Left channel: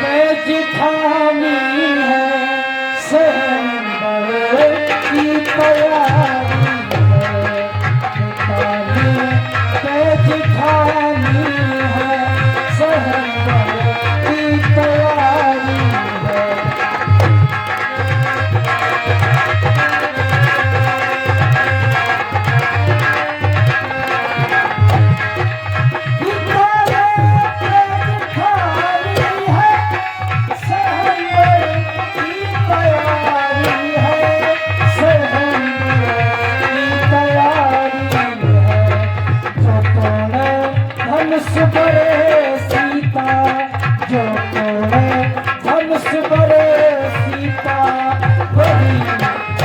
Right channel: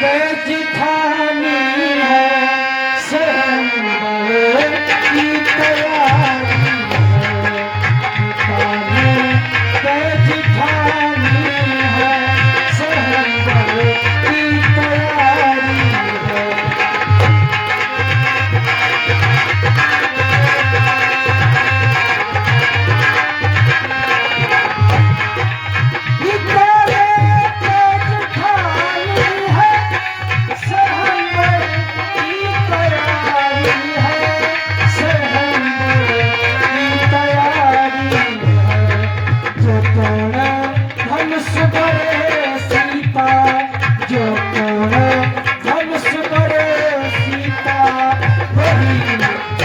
तेज ठानी है सहम्बर की तैयारी है मिटाने तेज ठानी है सहम्बर की तैयारी है धनुष बड़े सीता जो तोड़े धनुष बड़े सीता वही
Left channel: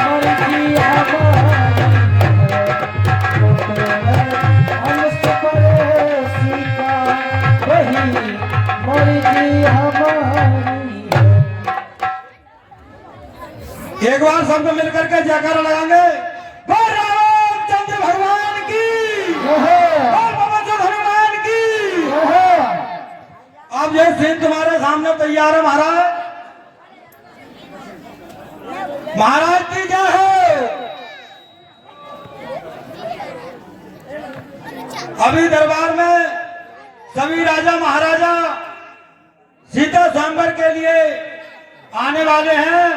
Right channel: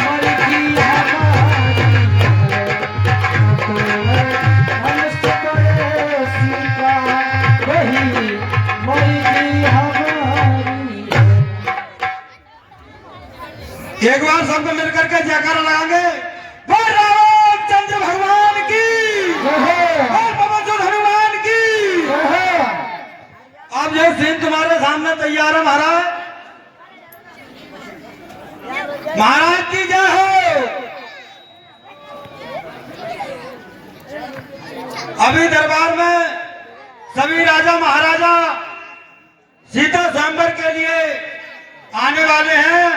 मर्जी हमारी है जो तोड़े धनुष बड़े सीता वही मर्जी हमारी है। एक बार सबको मिलकर के जयकारा लगाएंगे। बोल रामचंद्र भगवान की और बाबा जो हनुमान की। अब ये सीन तुम्हारे सामने तैयार है महाराज। महाराज की जय हो। अभी दरबार में सभी राजा महाराजा सीता स्वयंवर के लिए आने वाले हैं।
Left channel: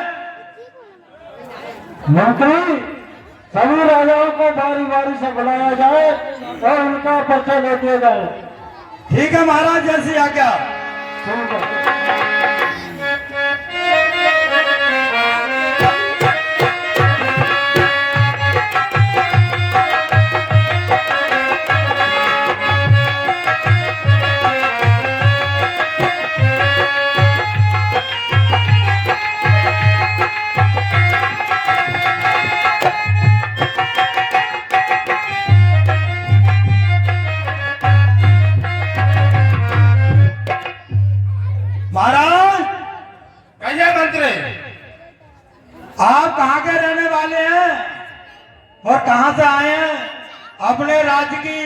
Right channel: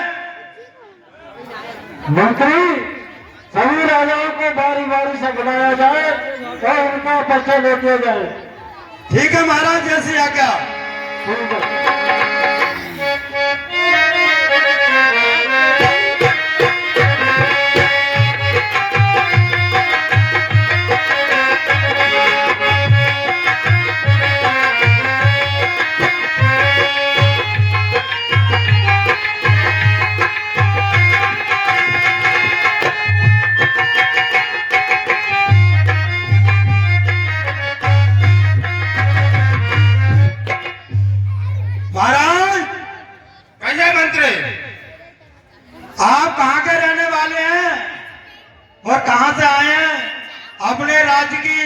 मंत्री सभी राजाओं को बारी बारी से बुलाया जाए और उनका परिचय ले दिया जाए। ठीक है महाराज, जैसी आज्ञा। ठीक है। महाराज कहिए मंत्री, आप कहाँ के रहने वाले हैं और कहाँ से आए हैं? अपने राज्य की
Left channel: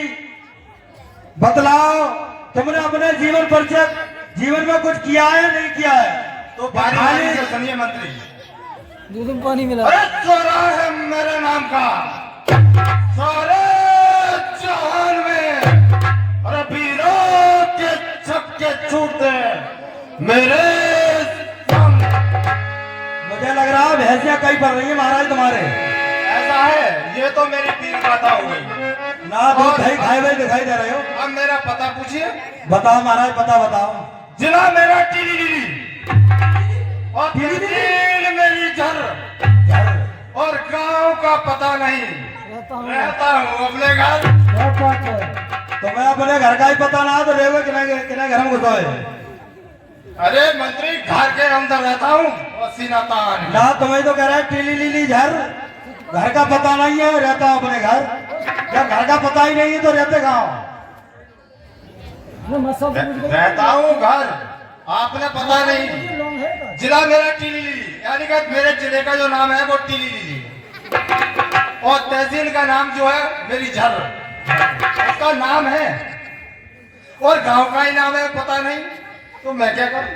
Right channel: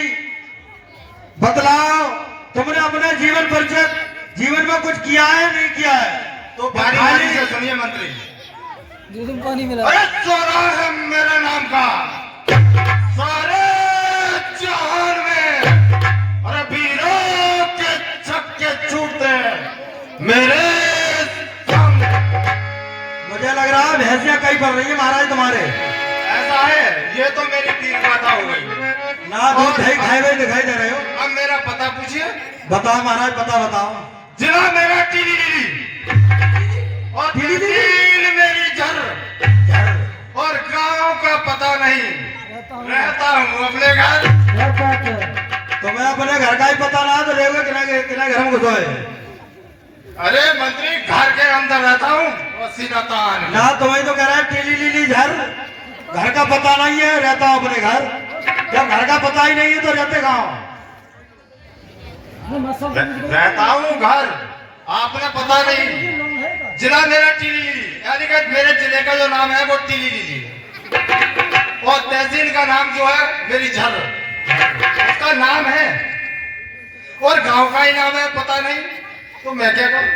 बदलाव, तुमने अपने जीवन परिचय जीवन में कुछ किया है नहीं किया है? तो बारी से सुनिए मंत्री। पानी मिला। अरे चोरा है मेरे नाम का सारे जहान में। अरे वीरों के छक्के छूटते मेरे सामने। मुझे लग रहा है भैंसियां कहीं पड़ रही है महाराज तुम्हारे। ऐसा है, ये तो मेरी तीन बात हो गई ना दूध दही खाए हुए दिखाई दे रहे हो। अब मेरा पता पूछिए। बताओ महाराज, पता बताओ। जिला मेरा टीली और तहसील मेरी झर और गांव का पता नहीं। रहता हूँ अपने घर। तो मैं अपने घर का ही पता ना तो लेवे किना घर में घुसोए। अरे मंत्री, घर के अंदर रहता हूँ और सीना तान। ना तुम्हें तो कह रहा है टीली लीली झर, घर का पता नहीं है, रहता हूँ अपने घर। जब घर का पता ही नहीं है तो रहते कहाँ? रहता हूँ घर, आपने पता नहीं। जिला मेरा टीली यानी कि मेरे जिले का जो नाम है वो टीली और तहसील का नाम जो है मेरी झर, उसका नाम है। और गांव का ही नाम है, पता नहीं, तो मैं क्या करूं?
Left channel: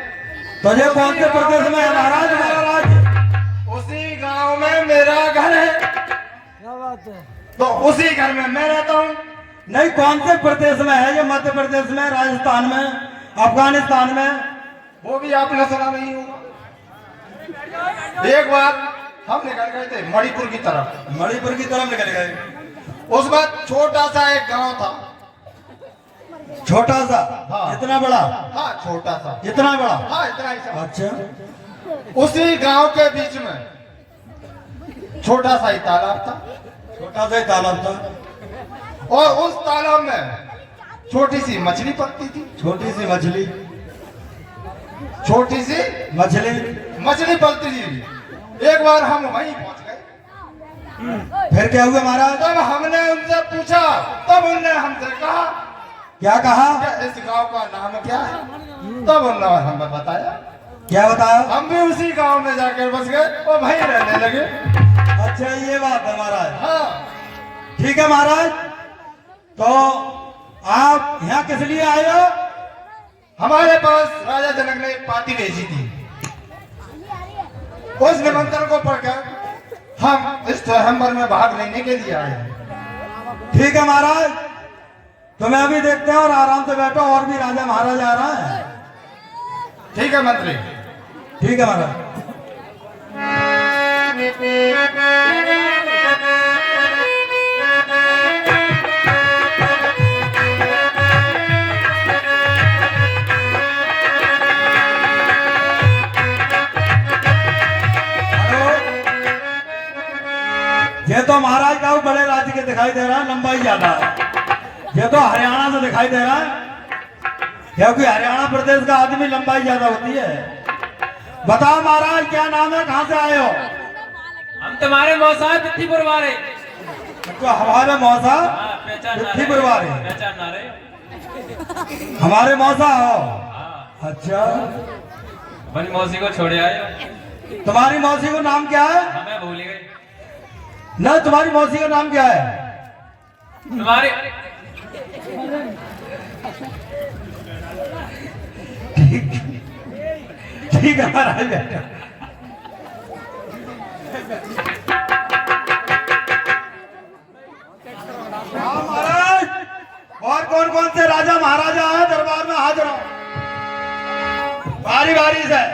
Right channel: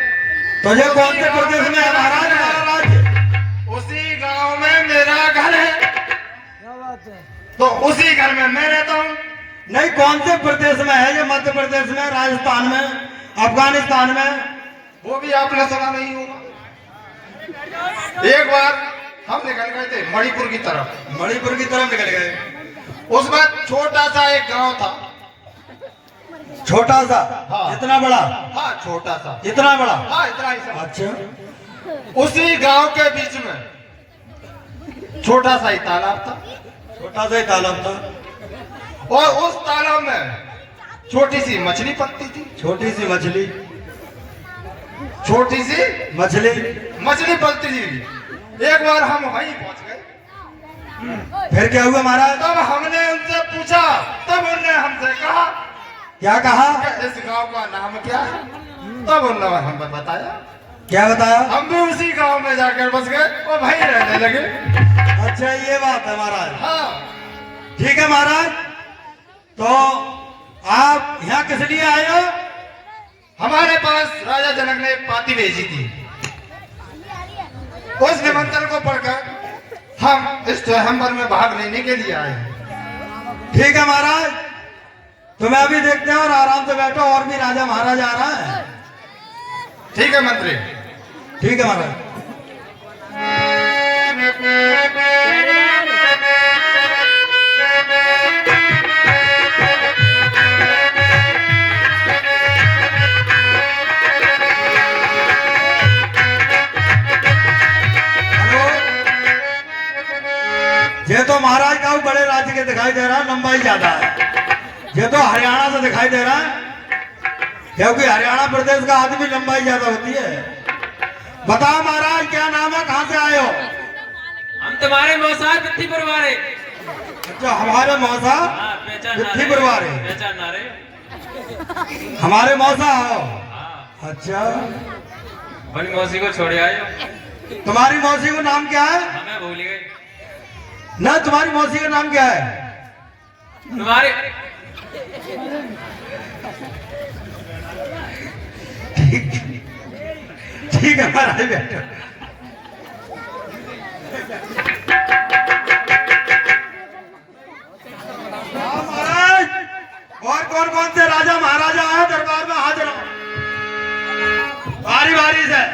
तो ये कौन से प्रदेश में है महाराज? महाराज उसी गांव में मेरा घर है, तो उसी घर में मैं रहता हूँ। नहीं, कौन से प्रदेश में है? ये मध्य प्रदेश में, राजस्थान में, अफगानिस्तान में? वो भी आपने सुना नहीं होगा। एक बार हम निकल गए थे मणिपुर की तरफ। मणिपुर की तरफ निकल गए। उस वक्त छोटा सा एक गांव था। छोटा सा? हाँ। इतना बड़ा? हाँ, छोटा सा। इतना बड़ा? हाँ, इतना ही सा। अच्छा। उसी गांव के बीच में छोटा सा ही तालाब था। छोटा सा ही तालाब था और उस तालाब में छोटी सी मछली पकती थी। छोटी सी मछली? छोटी सी मछली पलती थी। एक बार हम वहीं पहुंच गए। फिर क्या हुआ महाराज? तब हमने उनसे पूछा, तब उन्होंने हमसे कहा, क्या कहा? इस गांव का नाम क्या है? तब उन्होंने हमें बताया। क्या बताया? हम भी उसी गांव में जाकर बस गए और वहीं रहने लगे। अच्छा, ये बात है महाराज। हाँ, ठीक है महाराज, तो आप यहाँ किस लिए आए हो? हमारे पास राजा जनक ने पाती भेजी थी। उस निमंत्रण को पढ़कर हम इस स्वयंवर में भाग लेने के लिए आए हैं। ठीक है महाराज, तो मैं अभी देखते हैं और आराम से बैठो, और भी राजा महाराजा आ रहा है। ठीक है मंत्री। ठीक है महाराज। ये तो महाराज का बड़े राज्य के दिखाई दे रहा है, लंबाई ज्यादा है। ये तो हरियाणा से दिखाई दे रहा है, क्योंकि हरियाणा प्रदेश का आदमी लंबाई ज्यादा होती है। बताओ महाराज, क्या नाम है, कहाँ से आए हो? हम तुम्हारे मौसा पिट्ठीपुर वाले। अच्छा, हमारे मौसा पिट्ठीपुर वाले। पहचान ना रहे? हमारे मौसा हो? अच्छा, अपनी मौसी को छोड़े आए हो? तुम्हारी मौसी का नाम क्या है? हमें भूल गए। ना, तुम्हारी मौसी का नाम क्या है? तुम्हारे ठीक है महाराज, बैठो। हाँ महाराज, और कौन कौन से राजा महाराजा हैं दरबार में हाजिर हो? बारी बारी से।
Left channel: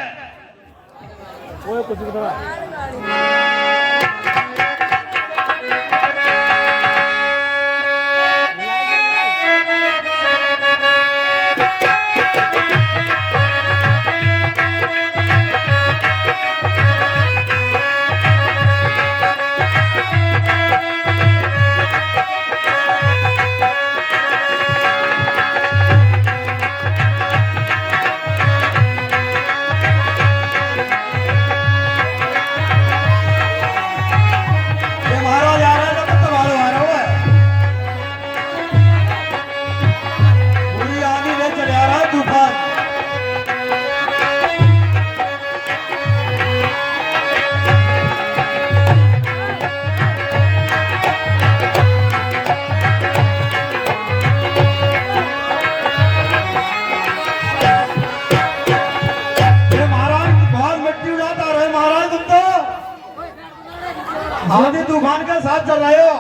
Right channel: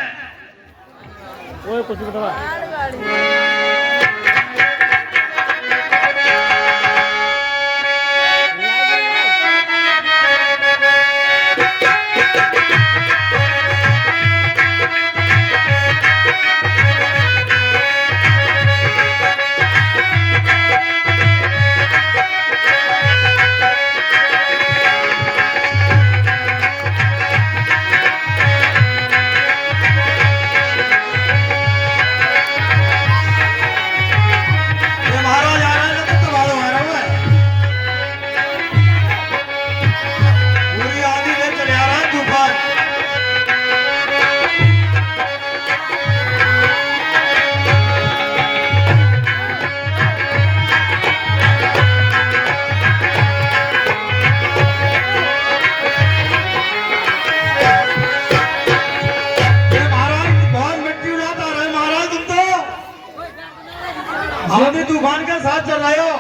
तूफान के साथ चल रहे हो?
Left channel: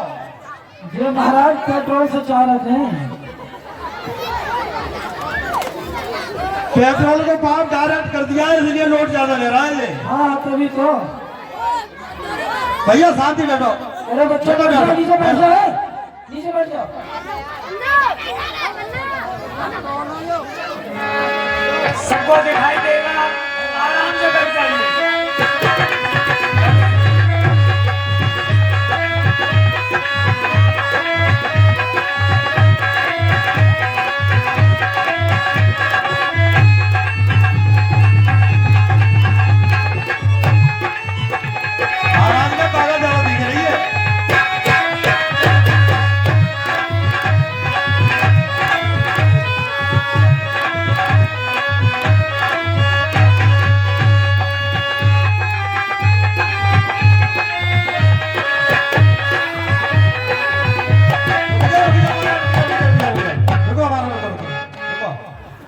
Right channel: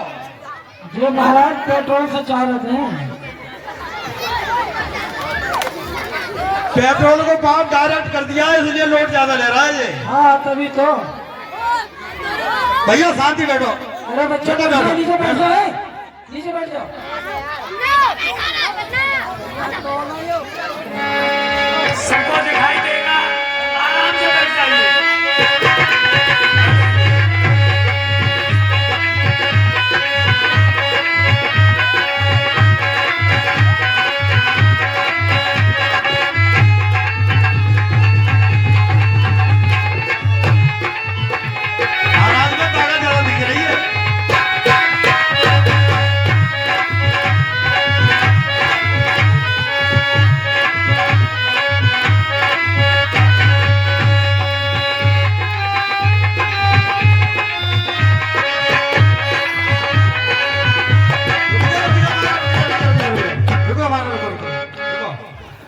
ये महाराज पेट्रोल से चाह रहे थे। पेट्रोल को पाप डायरेक्ट कर दिया है, इसलिए लोड ज्यादा ले रहा है ये। हाँ तभी तो। भैया शांति बैठो। अरे बच्चे तो नीचे बैठ जाओ, नीचे बैठ जाओ। सबको दिखाई देगा, आराम से बैठ जाइए।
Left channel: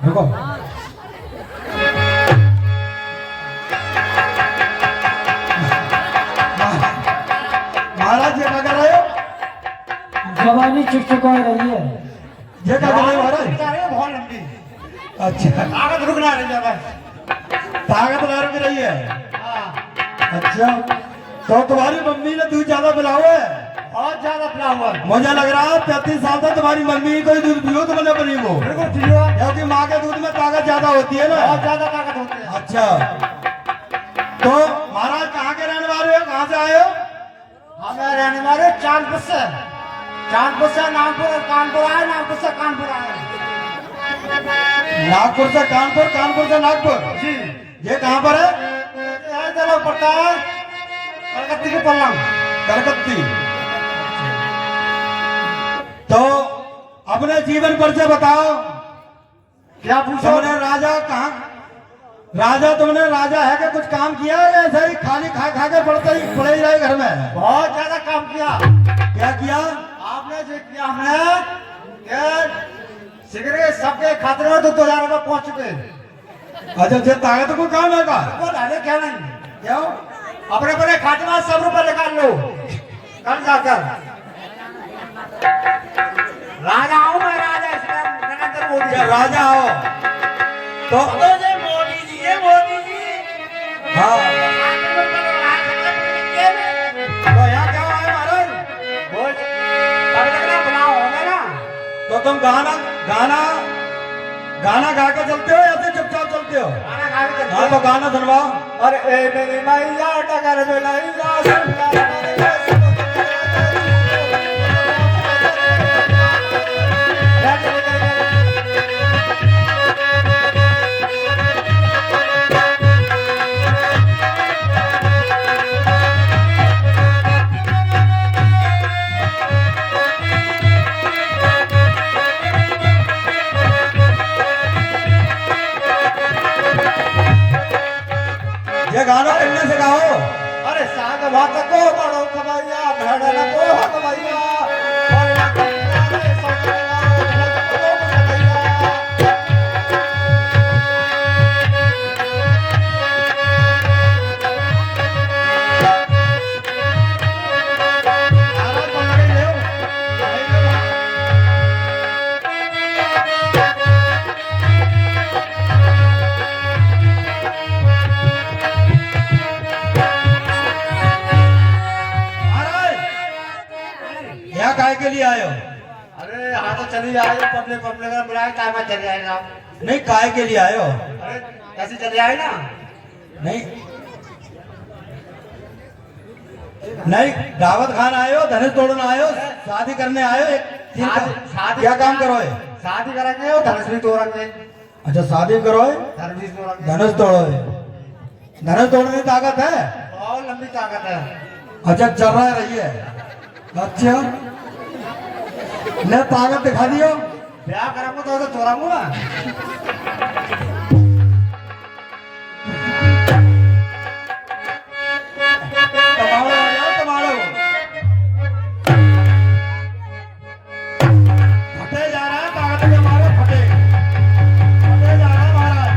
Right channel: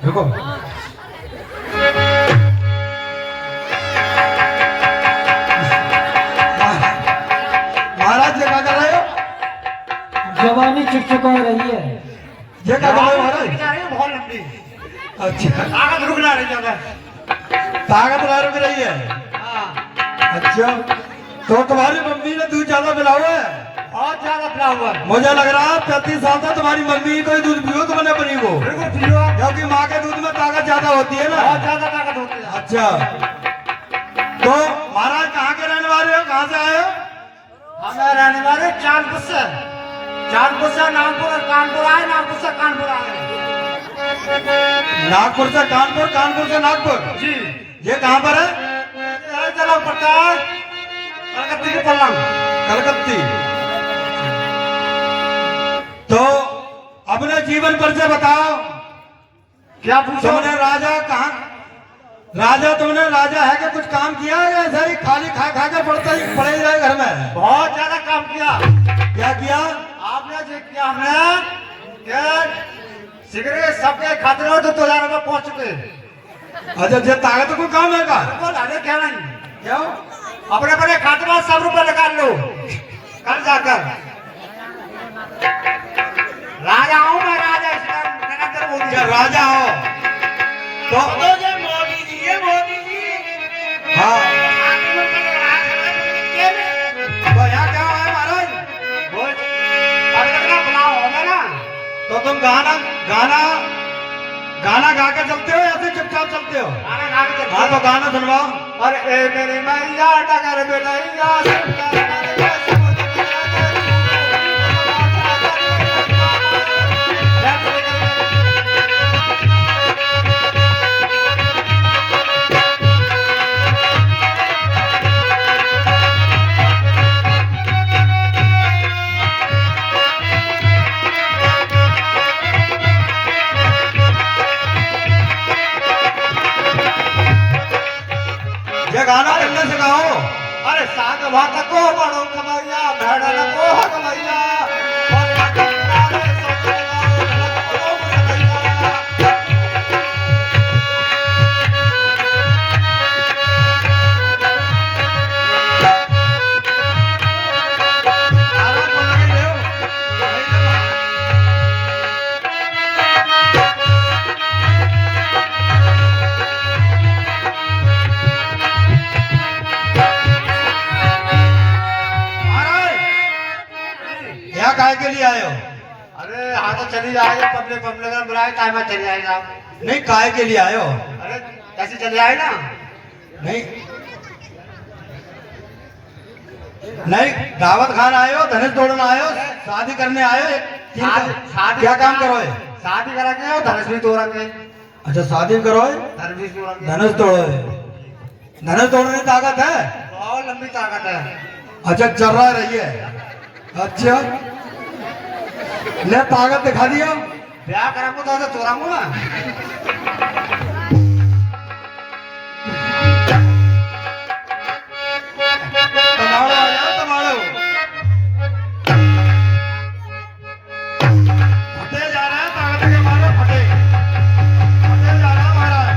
देखो महाराज, ये क्या कर रहे हो? जवानी चुकचुका रही है। ये क्या कर रहे हो महाराज? बहुत लंबी। अच्छा, ताकत रुकना रही ज्यादा। ताकत रुक रही है। अच्छा, तो तुम्हारी मम्मी ने दूध ज्यादा पिलाओ है? बहुत ज्यादा पिला हुआ है। मुझे लग रहा है 35 साल तक तुम्हारी मम्मी को ही दूध पियो तो मैंने बनी वो, बिल्कुल पियो। क्योंकि माँ के दूध में ताकत ज्यादा होती है ना। बहुत ज्यादा ताकत होती है। अच्छा, तो महाराज कहाँ के रहने वाले हो, कहाँ से आए हो? हमें रहने वाले चांदपुर से। चांदपुर से नागपुर और कानपुर आए, नागपुर से कानपुर आए। नागपुर से कानपुर, कानपुर से नागपुर। जी। ये कहाँ पर है? यह जगह पड़ता है कलकत्ती के पल्लंग। कलकत्ती। तो अपने जीवन परिचय बताओ। क्या पूछो? तुमने राजा कहाँ, राजा तुमने राजा है कि कुछ काम किया है या ऐसा ही खाली खा खा के पड़े ही रहे घर में? बहुत ज्यादा काम किया। क्या किया? आपने जो किया, हमने सिगरेट सबके खाते हो तो 2000 रुपये पहुंच चुके। अच्छा जे ताकत को काम है का बोल अरे क्या नहीं क्यों अपने अपने खाते में 100 रुपये निकाल लो कल जाकर। राजा हूँ मैं राजा इसलिए नरेंद्र मोदी क्या राजा हो तो तो ये मोदी जी है मोदी जी हाँ तो तो यहाँ क्या है महाराज बोल कार्यक्रम बनाओ होगा ना। तो तुम गाना गाना गाना गा के चलते हो या फिर चुपचाप चलते हो गाना गा के चलते हाँ तो गाना सुनवाओ अरे ए मेरे मैया डगर में नैया सुनता ये गाना करने से गाओ अरे साग भात को बड़ो खबैया भेड़न को खबैया और रे सोचेगा को खबैया। आरा को लगे ले यहाँ काय के लिए आए हो अरे हाँ तो चली जाएगी पब्लिक पब्लिक का बुलाए टाइम में चली जाएगा। नहीं काय के लिए आए हो अरे ऐसे चली जाए ना। नहीं नहीं दावत खाना आए हो धनुष तोड़ना आए हो शादी करने आए हो शादी क्या काम करो है शादी करेंगे और धनुष भी तोड़ेंगे। अच्छा शादी करो है धनुष भी तोड़ेंगे। धनुष तोड़ो है धनुष तोड़ने की ताकत है बहुत लंबी ताकत है। अच्छा चल रहा रही है अच्छा ले ताकत दिखा दिया ब्याह करेंगे तो तोड़ूंगा। तमाड़ो आ जाओ तमाड़ो फटे जा रहा है ताकत के मारे फटे फटे जा रहा महाराज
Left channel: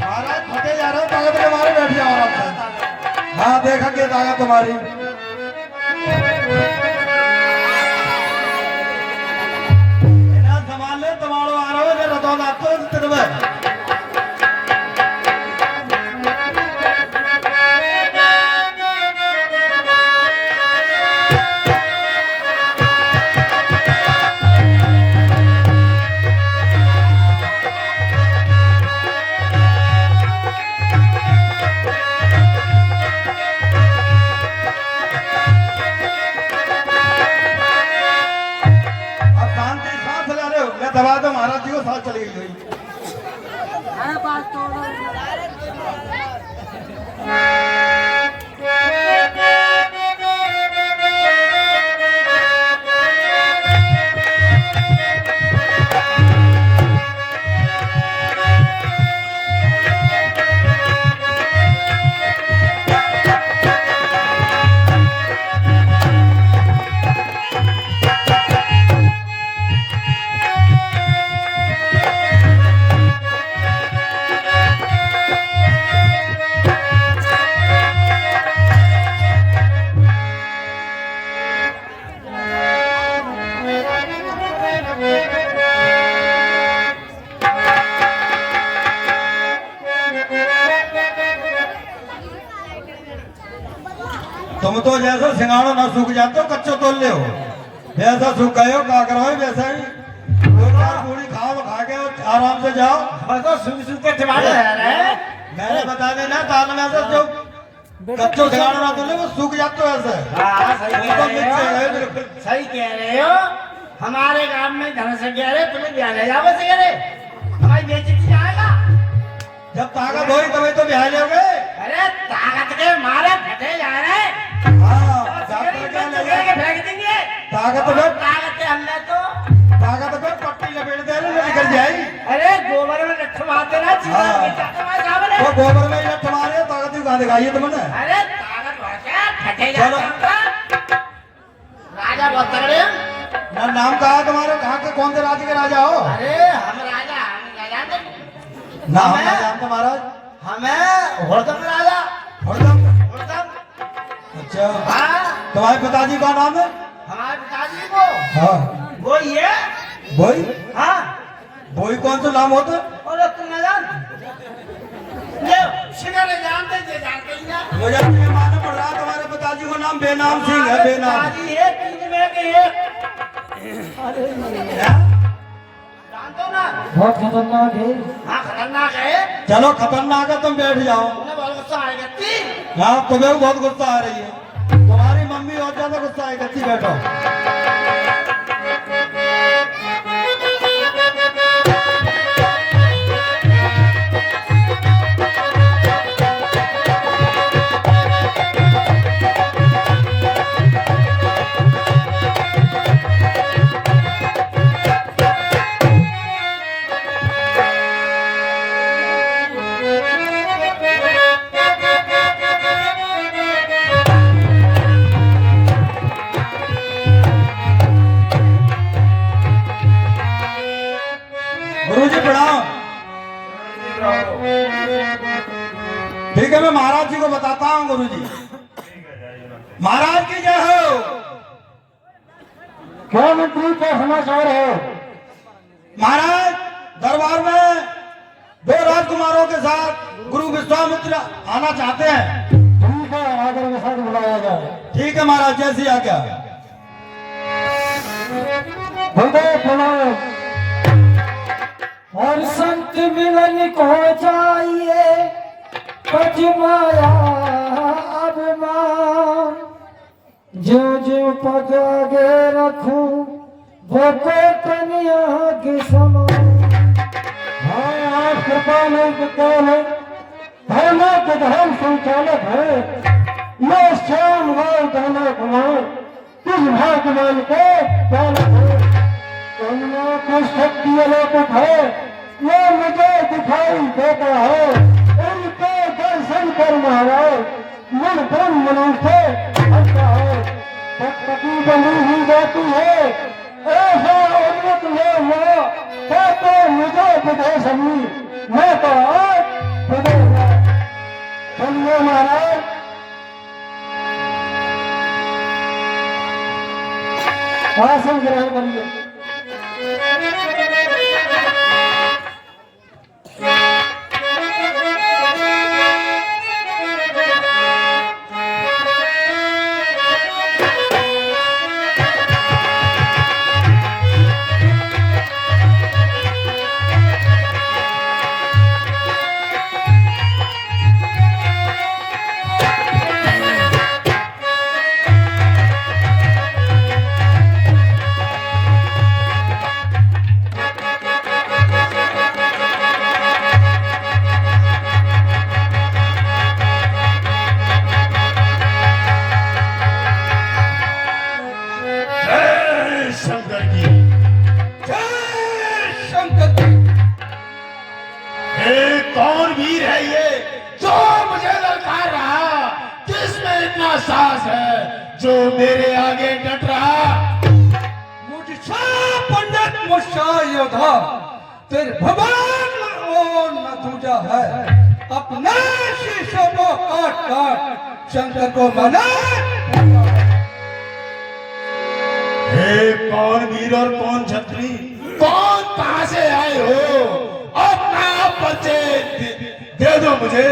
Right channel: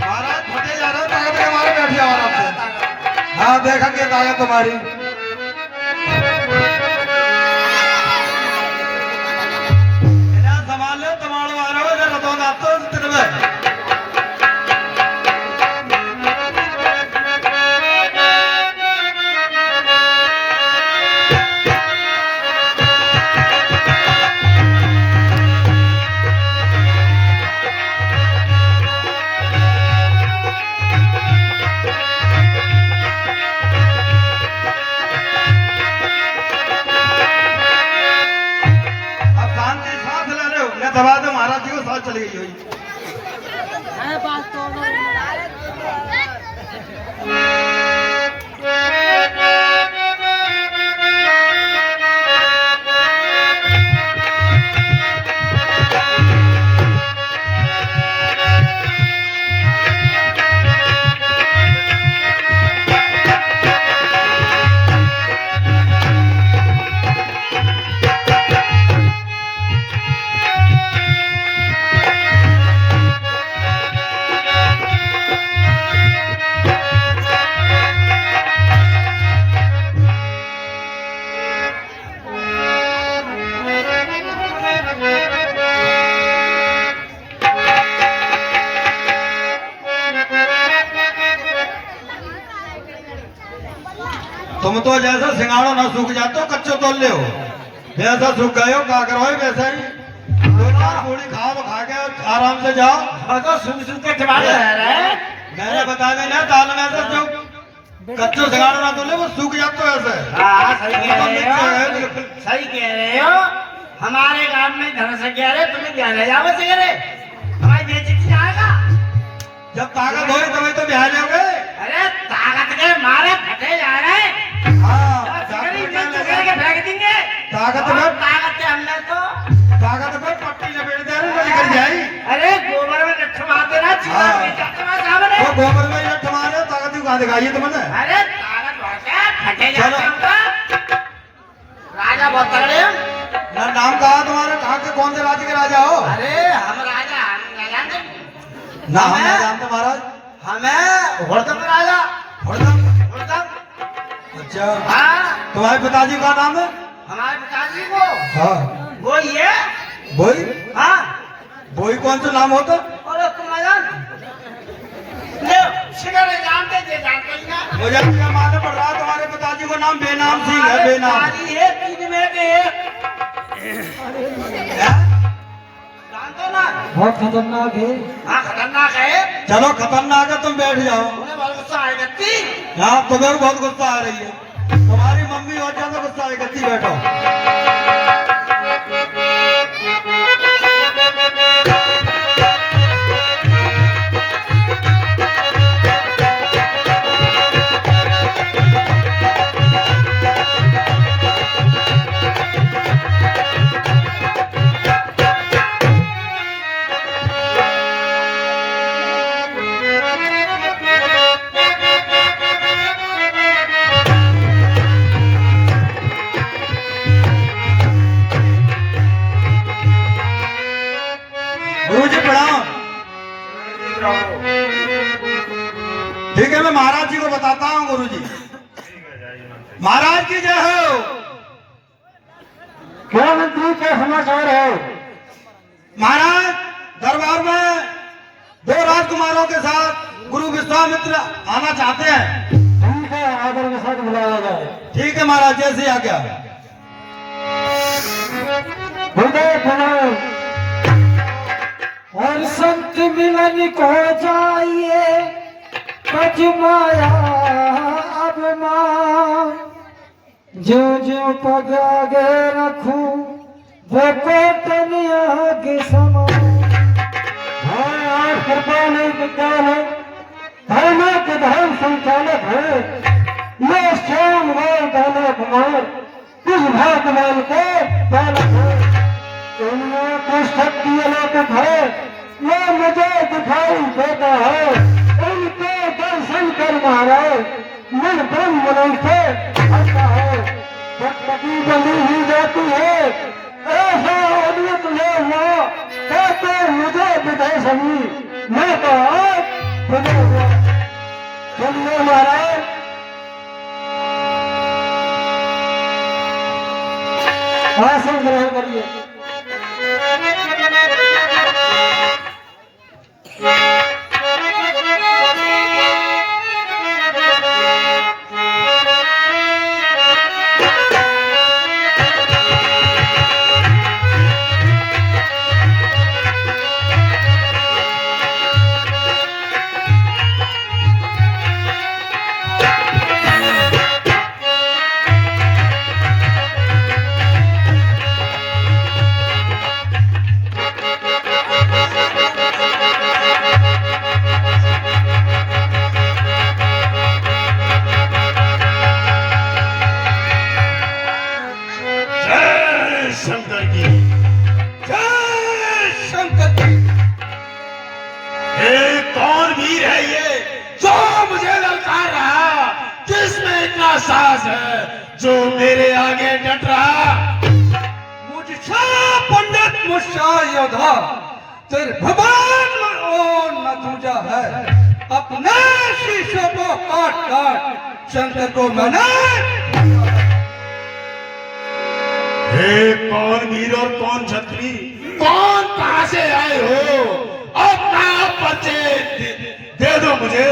महाराज फटे जा रहा है ताकत के मारे बैठ जाओ आराम से हाँ देखा के ताकत तुम्हारी इन्हें संभाल लो तमाड़ो आ रहा हो जरा तो आप तो तेरे में दबा दो महाराज जी को साथ चली गई हुई तुम तो जैसा सिंगाड़ो ना सूख जाते हो कच्चो तोल ले हो जैसा सूख गए हो क्या करो वैसा ही दो चार पूरी खाओ तो खा के और आराम से जाओ तो सुन के ठिकाना है। मैंने बता देना दाल में ऐसा जो कच्चो सिंगाड़ो ना तोले वो सूख जाते हो ऐसे हाँ सही कह तो रहे मिक्स हो। है बिल्कुल सही कह रहे हो हमारे गांव में धन से क्या रे तुम्हें क्या ले जाओ से रे हमारी बेइज्जती जाएगा जब ताकत होगी तभी तो ब्याह लोगे अरे ताकत के मारे फटे जा रहे हैं फेंक देंगे ताकत में ताकत के हमने तो ताकत में पट्टी लपेट दे रही निकल जाएगी अरे गोबर में लट्ठू मारते ना चीज़ हाँ। बेचाते मारे सामने वो गोबर में ये तुम्हारे ताकत कहाँ दिखाई है तुमने अरे ताकत बहुत है फटे जाते हैं राजा बहुत तगड़े हैं यार नाम कहा तुम्हारा, कहाँ के कौन से राज्य के राजा हो? अरे हम राजा नाम हमें- है नाम तुम्हारा? हमें होड़दम राजा हरदम। होड़दम। अच्छा, हाँ तुम्हारे पिताजी का नाम है? हमारे पिताजी को हाँ। वो ये बोई? हाँ बोई कौन सा नाम होता? और तुम जानते ले शिकार जानते थे जानते ही ना मुझे क्या मालूम पड़ रहा है तुम्हारे पिताजी को नाम बेनाम सिंह है, बेनाम। पिताजी एक चीज में के एक क्या? जानते हो ना बहुत खतरनाक है। हाँ खतरनाक है चलो खतरनाक है, तुम बैठ जाओ। उन्हें बहुत गुस्सा आएगा ती यहाँ तुम्हें भी बहुत गुस्सा आ रही है, तुम्हारी मम्मी और ज्यादा गुस्सा है, गद्दी बैठो। गुरु जी प्रणाम। ठीक है, मैं महाराज जी को बताता हूँ। गुरु जी महाराज की जय हो। क्या मंत्री का समाचार है? महाराज दरबार में 2 राजकुमारों के साथ गुरु विश्वामित्र आना चाहते हैं। ठीक है, आदर के साथ बुलाया जाए। ठीक है महाराज, जैसी आज्ञा। हृदय प्रणाम। हर संत मिलन को जाइए, कज माया अब मां, जो जो पग आगे रखूं वो कनिया के समान। हाँ, कृपा नहीं विज्ञान है, धर्म के धर्म संचालक है। ये श्याम लाल दाना कुमार किस भाग्यवान को बालक है। दुनिया की शक्ति अलौकिक है, ये मुझे दिखाई देता है। इनके दर्शन कर महाराज मन ब्रह्म मन से आता है। भक्ति बनी ही जाती है, ऐसा अमृत ले हुआ कहते मुझे विदय सभी, मैं कहा विदय हुआ। चलिए महाराज, आसन ग्रहण करिए। कौन वीर है ये जो मुझे ललकार रहा? किसमें इतना साहस है जो मेरे आगे डट रहा? मुझसे पंडित मुझसे योद्धा तेरे भगवान में ओ न दूजा है। अपने शीशों को काट काट शंकर को मैंने। हे कौन वीर और कौन छत्री, कौन कहां से आए हो? अपना परिचय दे दो मुझे,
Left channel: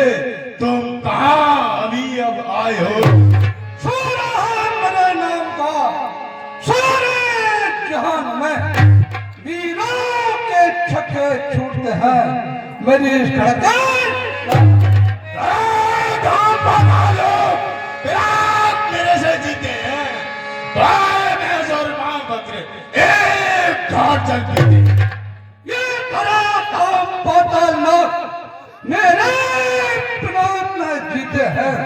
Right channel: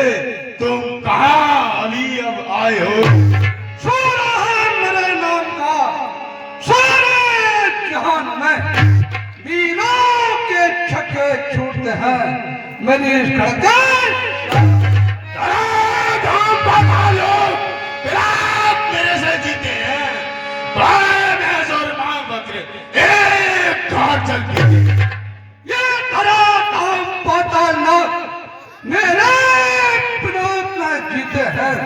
तुम कहां अभी अब आए हो? सुना है मेरे नाम का सारे जहान में, वीरों के छक्के छूटते हैं मेरी धड़कन। मेरे से जीते हैं भाई, मैं जोर मांग बकरे एक घाट चल के ये धरा धाम पातालनाथ मेरे प्राण में जीते हैं।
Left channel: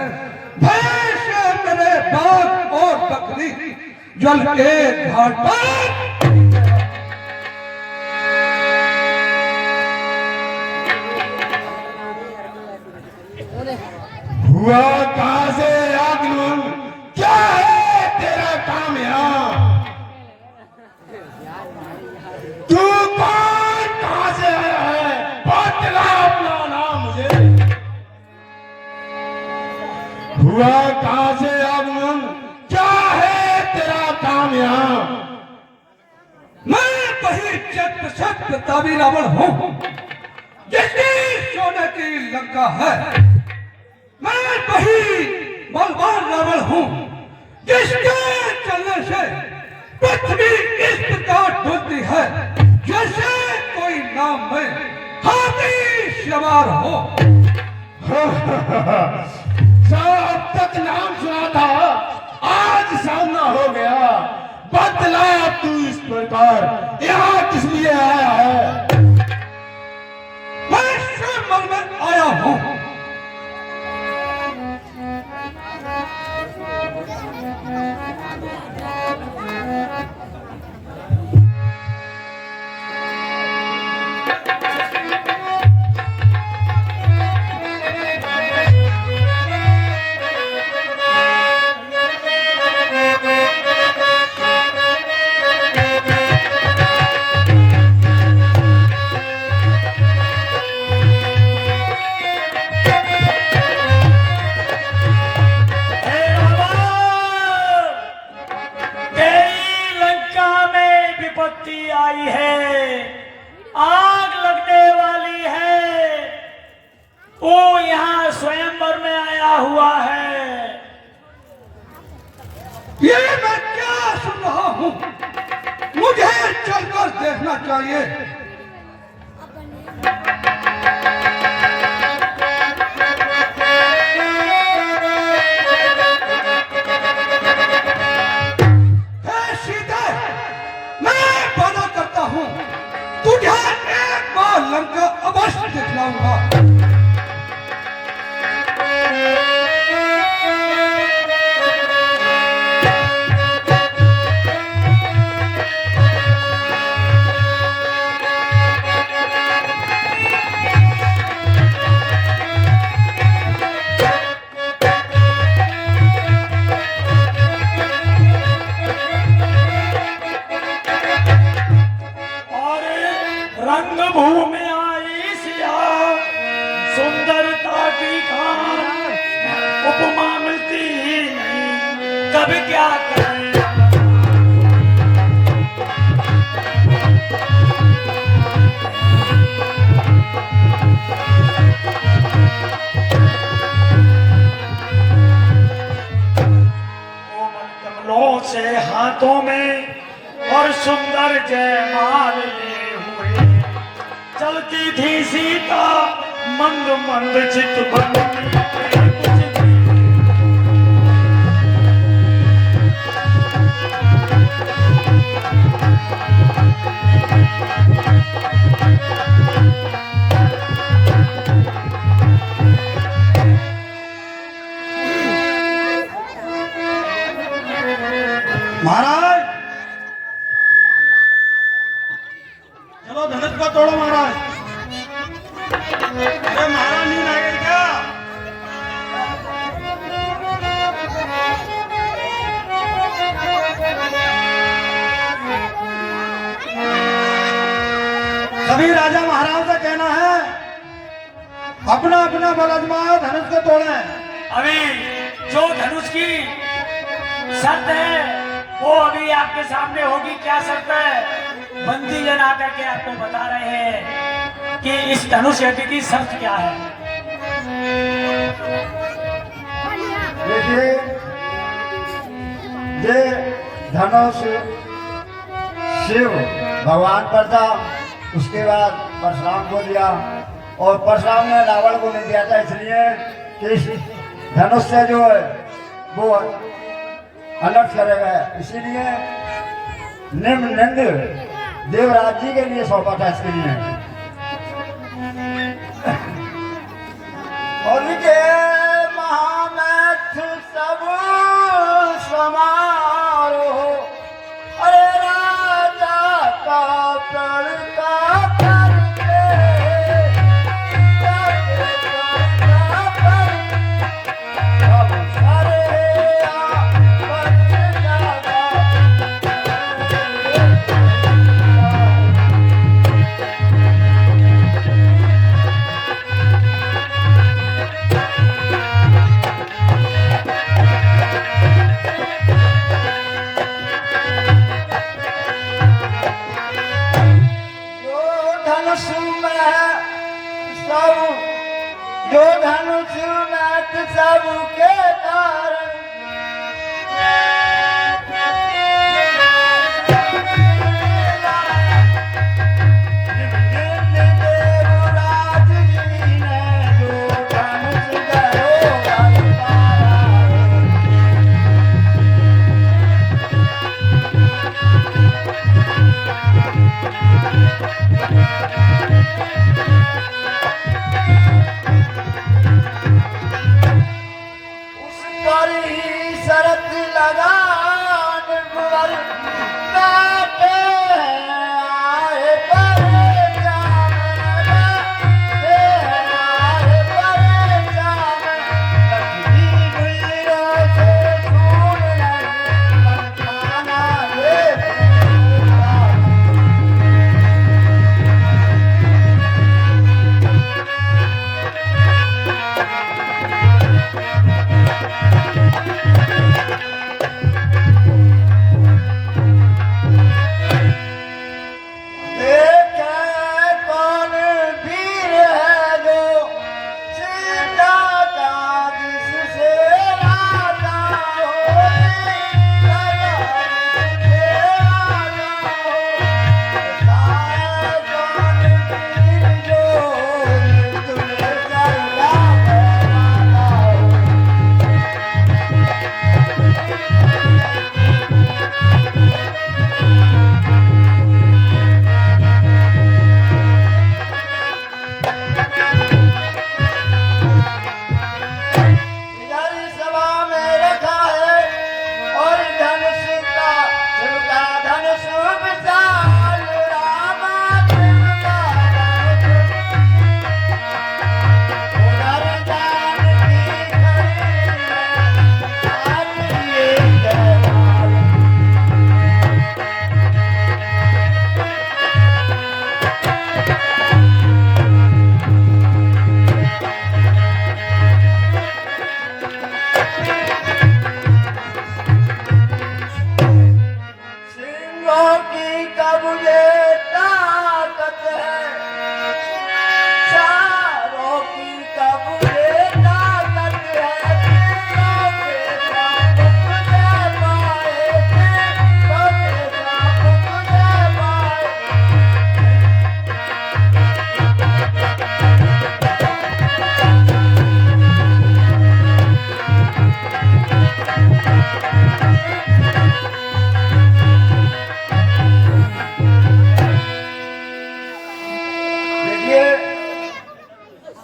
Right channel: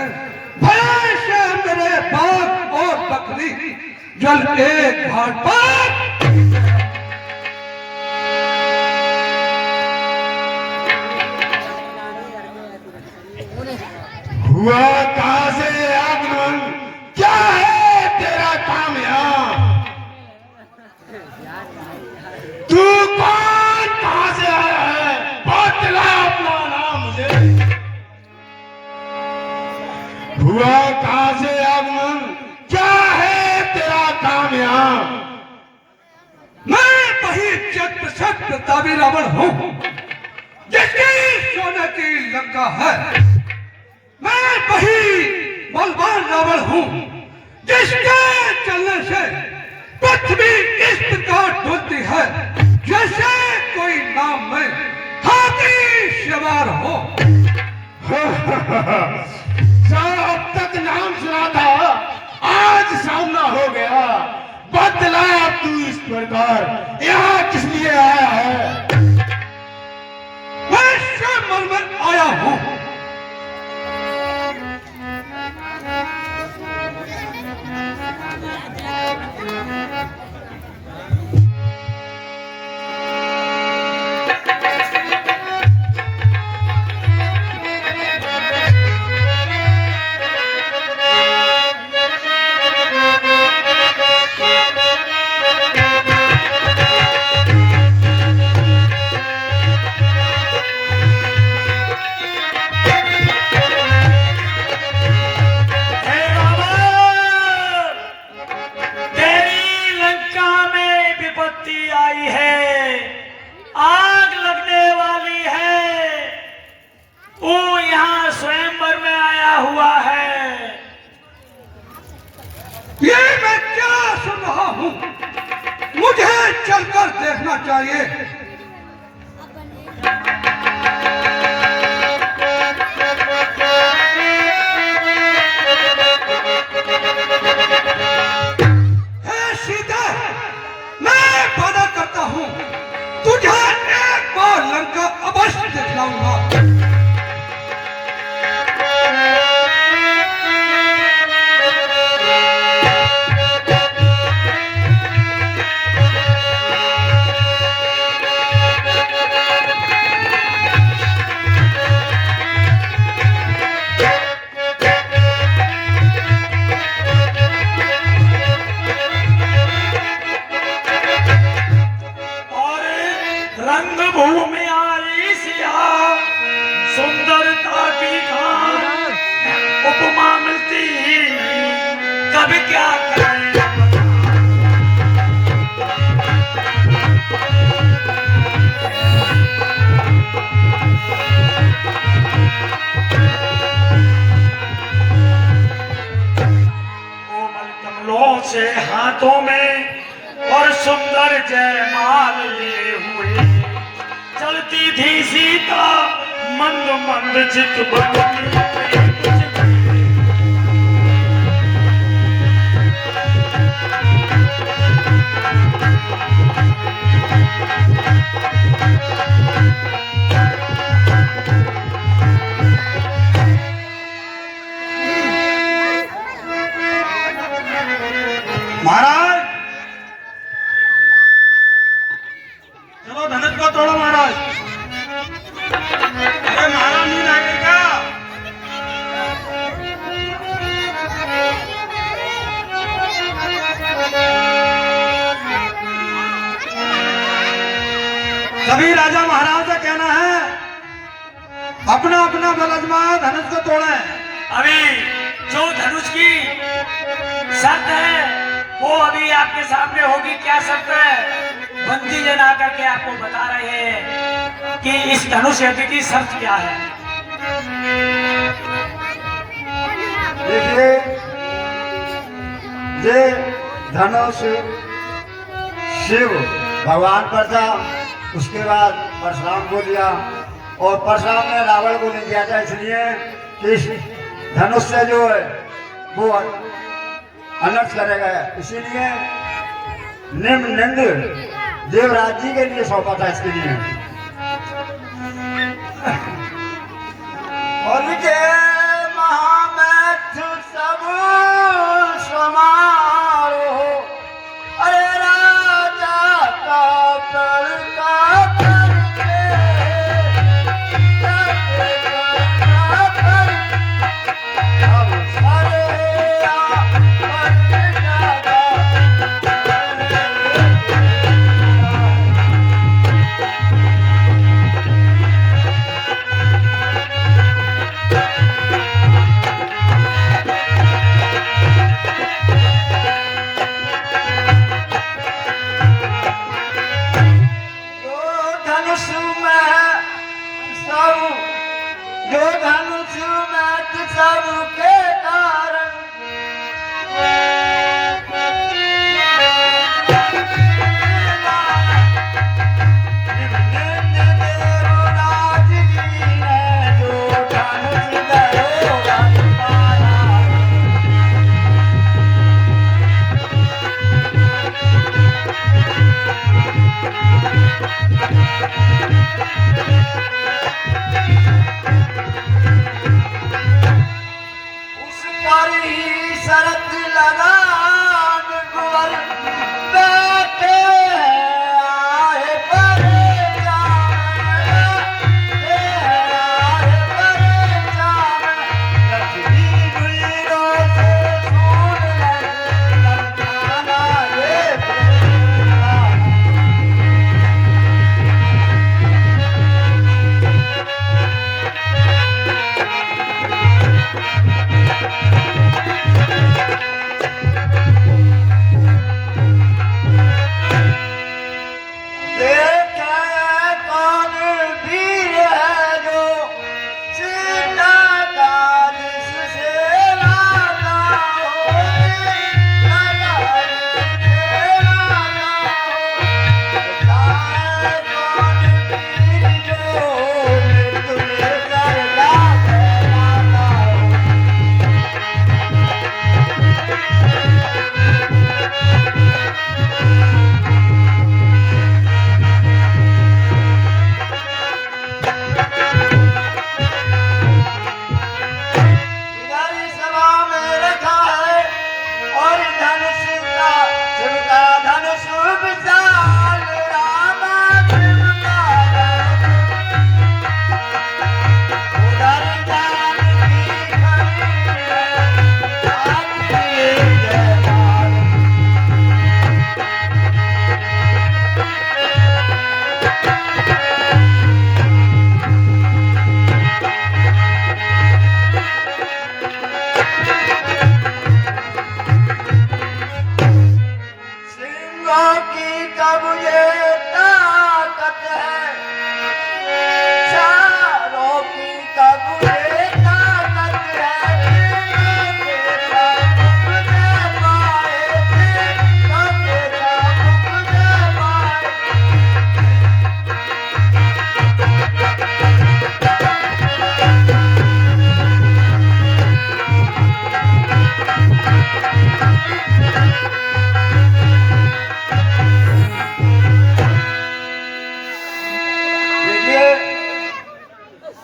भैंस मेरे बाग और बकरी जल के घाट पर। हुआ कहां से आगमन, क्या है तेरा काम यहाँ? प्रतापी रावण हूँ, जिसकी सोने की लंका है। मैं वही बलवान रावण हूँ, जिसके चलने से पृथ्वी इस प्रकार डुलती है जैसे कोई नाम में हाथी सवार हो। अब तक नाम सुना था, आज सामना हो गया। बदला तू इस प्रकार यहाँ किस लिए आया है? मैं स्वयं में आया हूँ। आई है, आग लगने वाली है, वो यहाँ स्वयंवर में आया हुआ है। ये मैं क्या सुन रहा हूँ? मुझे चलकर देखना चाहिए। तुझे एक बार लंका अवश्य दिखलाऊंगा। रंगभूमि आई सिया, सुंदरता की खान उपमा मिलती ही नहीं, कब क्या करें। कोमल कमलों से हाथों में और सुंदर जयमाल लिए हुए चलती थी सीता, मंद मंद चित बनती। महाराज चलो धनुष को तोड़ो महाराज। अरे महाराज नींद आ गई क्या? सभी राजा महाराज से कहना है अपना अपना बल आजमाए, धनुष को तोड़े। अभी जो धनुष की शर्त है वो अभी आपके सामने होगी। क्या शर्त है? बंदी जन आकर के आपको बता रहे हैं कि इस धनुष यज्ञ की शर्त क्या है। देखिए ये धनुष शिव भगवान पर था, उसके बाद परशुराम को दिया और परशुराम ने रावण को नहीं दिया था, इसलिए कि इस धनुष से जो है वो अनर्थ करेगा, इसीलिए निम्नलिंद देवराज जी के लिए सौंपा था इसके लिए। और के महामैथ सब समारोह, अरे राजा का तड़का धनुष में सब जो धनुष में सबके कारण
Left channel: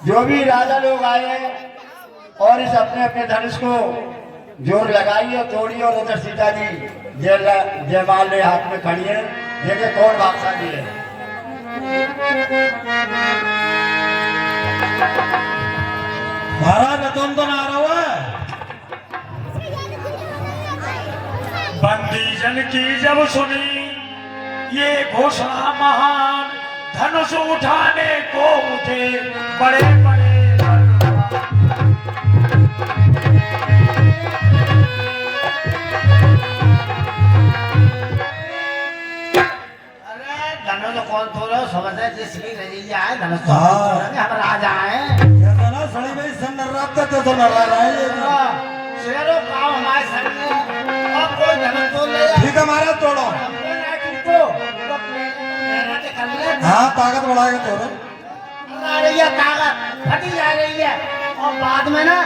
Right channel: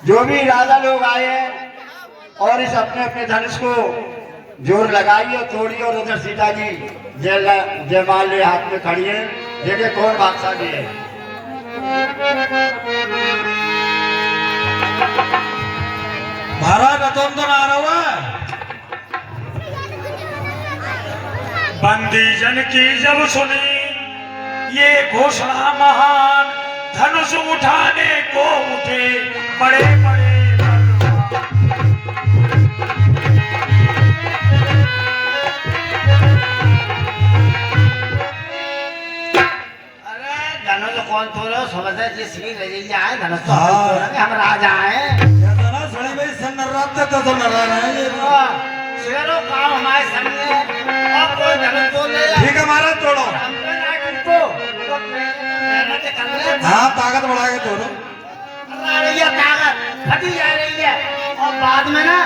जो भी राजा लोग आए और इस अपने अपने धनुष को जोर लगाई और तोड़ी और उधर सीता जी जयमाल ले हाथ में खड़ी है। देखिए कौन भागशाली है। महाराज रतन तो ना रहा है। बंदी जन की जब सुनी ये घोषणा महान, धनुष उठाने को उठे बड़े बड़े धनुष कौन थोड़ा समझे जिसकी रजिया है धनुष तो हाँ। हम राजा हैं। कहता ना सड़ी भाई सन्नर्रात तक तो नरा रहा है शेरों का हमारे संग अब कोई धनुष तो ले ठीक है महाराज तोड़ो। हमने ना किसको तो मेहनत कर ले। हाँ ताकत बढ़ा के तोड़ो। आ रही है ताकत घटी जा रही है और बाद में ना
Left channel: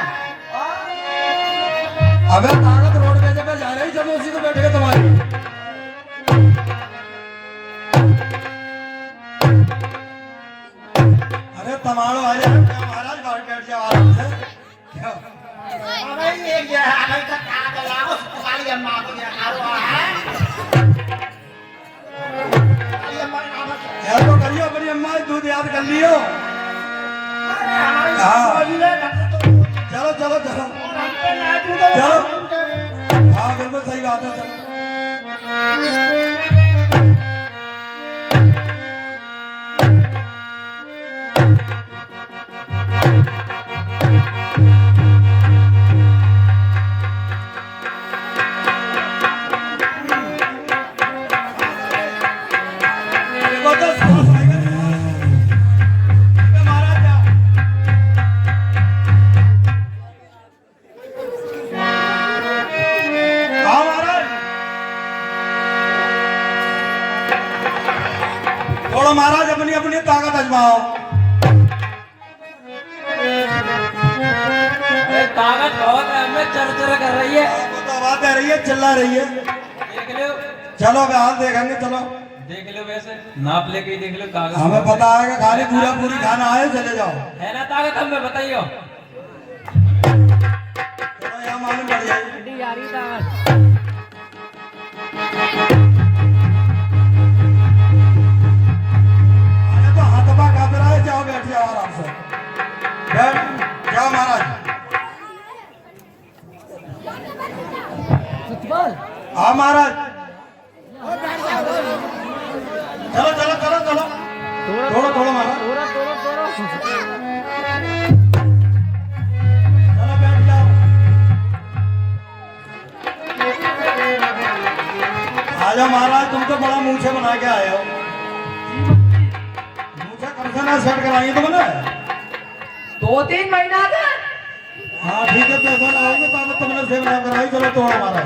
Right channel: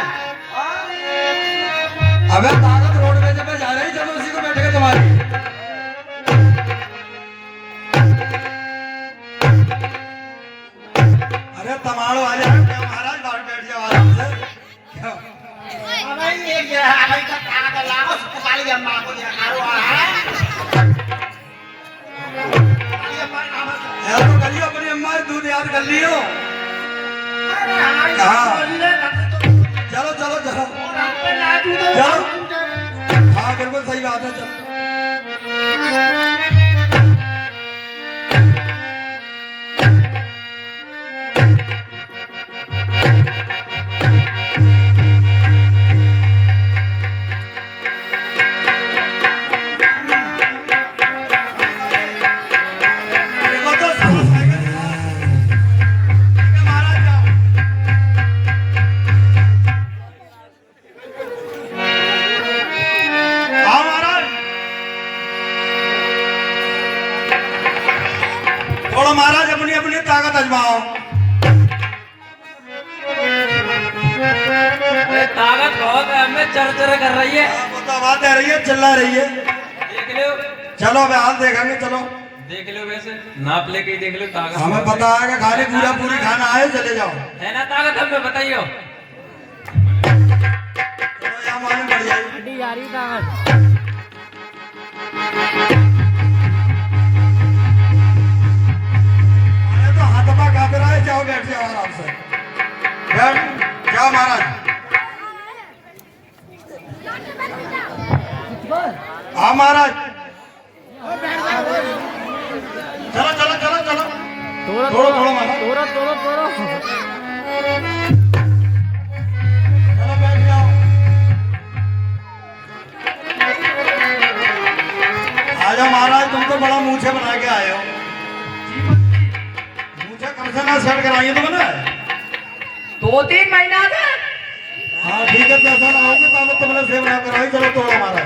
अबे ताकत रोड पे जब जा रही चलो उसी को बैठ के तुम्हारी अरे तमाड़ो आ जाए महाराज बाहर बैठ जाओ आराम से। क्यों? अबे ये अबे का ताकत लाओ काली अम्मा को ये खारो है। यार तो करियो अपनी अम्मा दूध याद कर लियो। चलो चलो चलो चलो हाँ बिल्कुल सही बात है चलो। वो तो ताकत आजमाओ। अरे ताकत बहुत है, हमें चर कर रही है। वो तो बात है रही है, चिल्ला रही है। देख लो, चलो वे हाल देखेंगे, चलो देख लो, वैसे नाप लेके ही देख लो ताकत। हमें पता है कि खाली पूरा पूरी खाना आए, चले जाओ। है ना ताकत, हमें बताइयो। चलो यहाँ मालूम पड़ जाएगी। अरे तो हाथपा काफिर है, जाओ बैठ जाओ आराम से, बैठ जाओ महाराज। हाँ महाराज, चलो चलो चलो चलो, थोड़ा थोड़ा महाराज, चलो बैठ जाओ। आ जाओ महाराज, तुम तो बड़ा मूछे बना के आए हो। मूछे कब से ना सेट कराई है तुमने? 2-3 महीना से। हाँ ठीक है, पैसा लगाओगे तो तुमने सेव ना कराई। चलो तो हमारा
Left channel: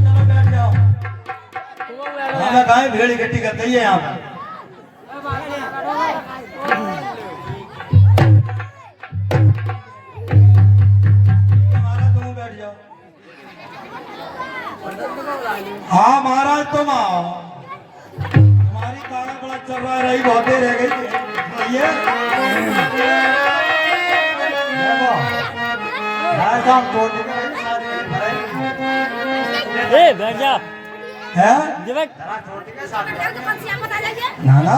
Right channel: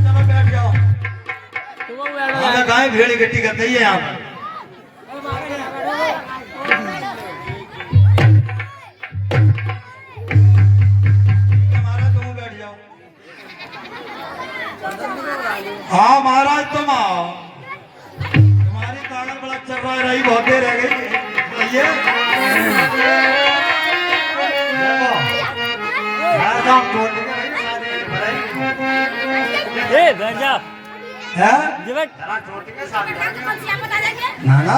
चलो बैठ जाओ। हाँ गाय भेड़ इकट्ठी करते ही है यहाँ पर। महाराज तुम बैठ जाओ। हाँ महाराज तुम आओ, तुम्हारी ताकत बड़ा चल रहा है, रही बहुत देर रह गई। ये गंजा है ना ना,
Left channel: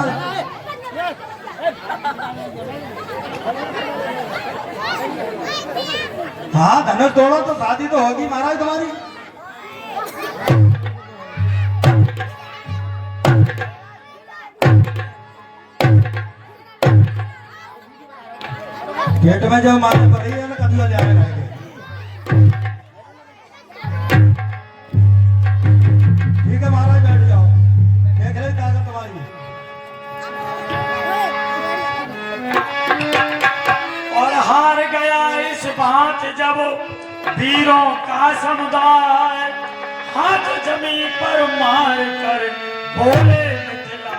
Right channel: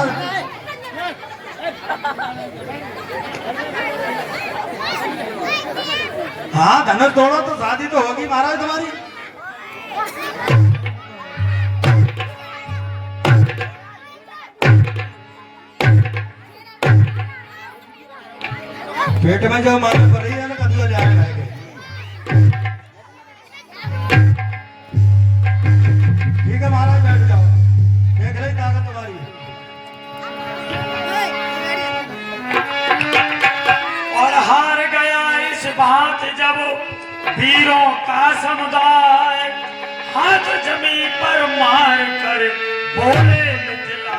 हाँ धनुष तोड़ो तो शादी तो होगी महाराज तुम्हारी। पेट में जो मालूम पड़ रही है ना, कभी हो जाएगा। ठीक है महाराज बैठ जाओ, देख रही ताकत तुम्हारी। और हार गया इस बात जब वीरों का समुदाय, हाथ जमीन पर मार कर बोले मिथिला।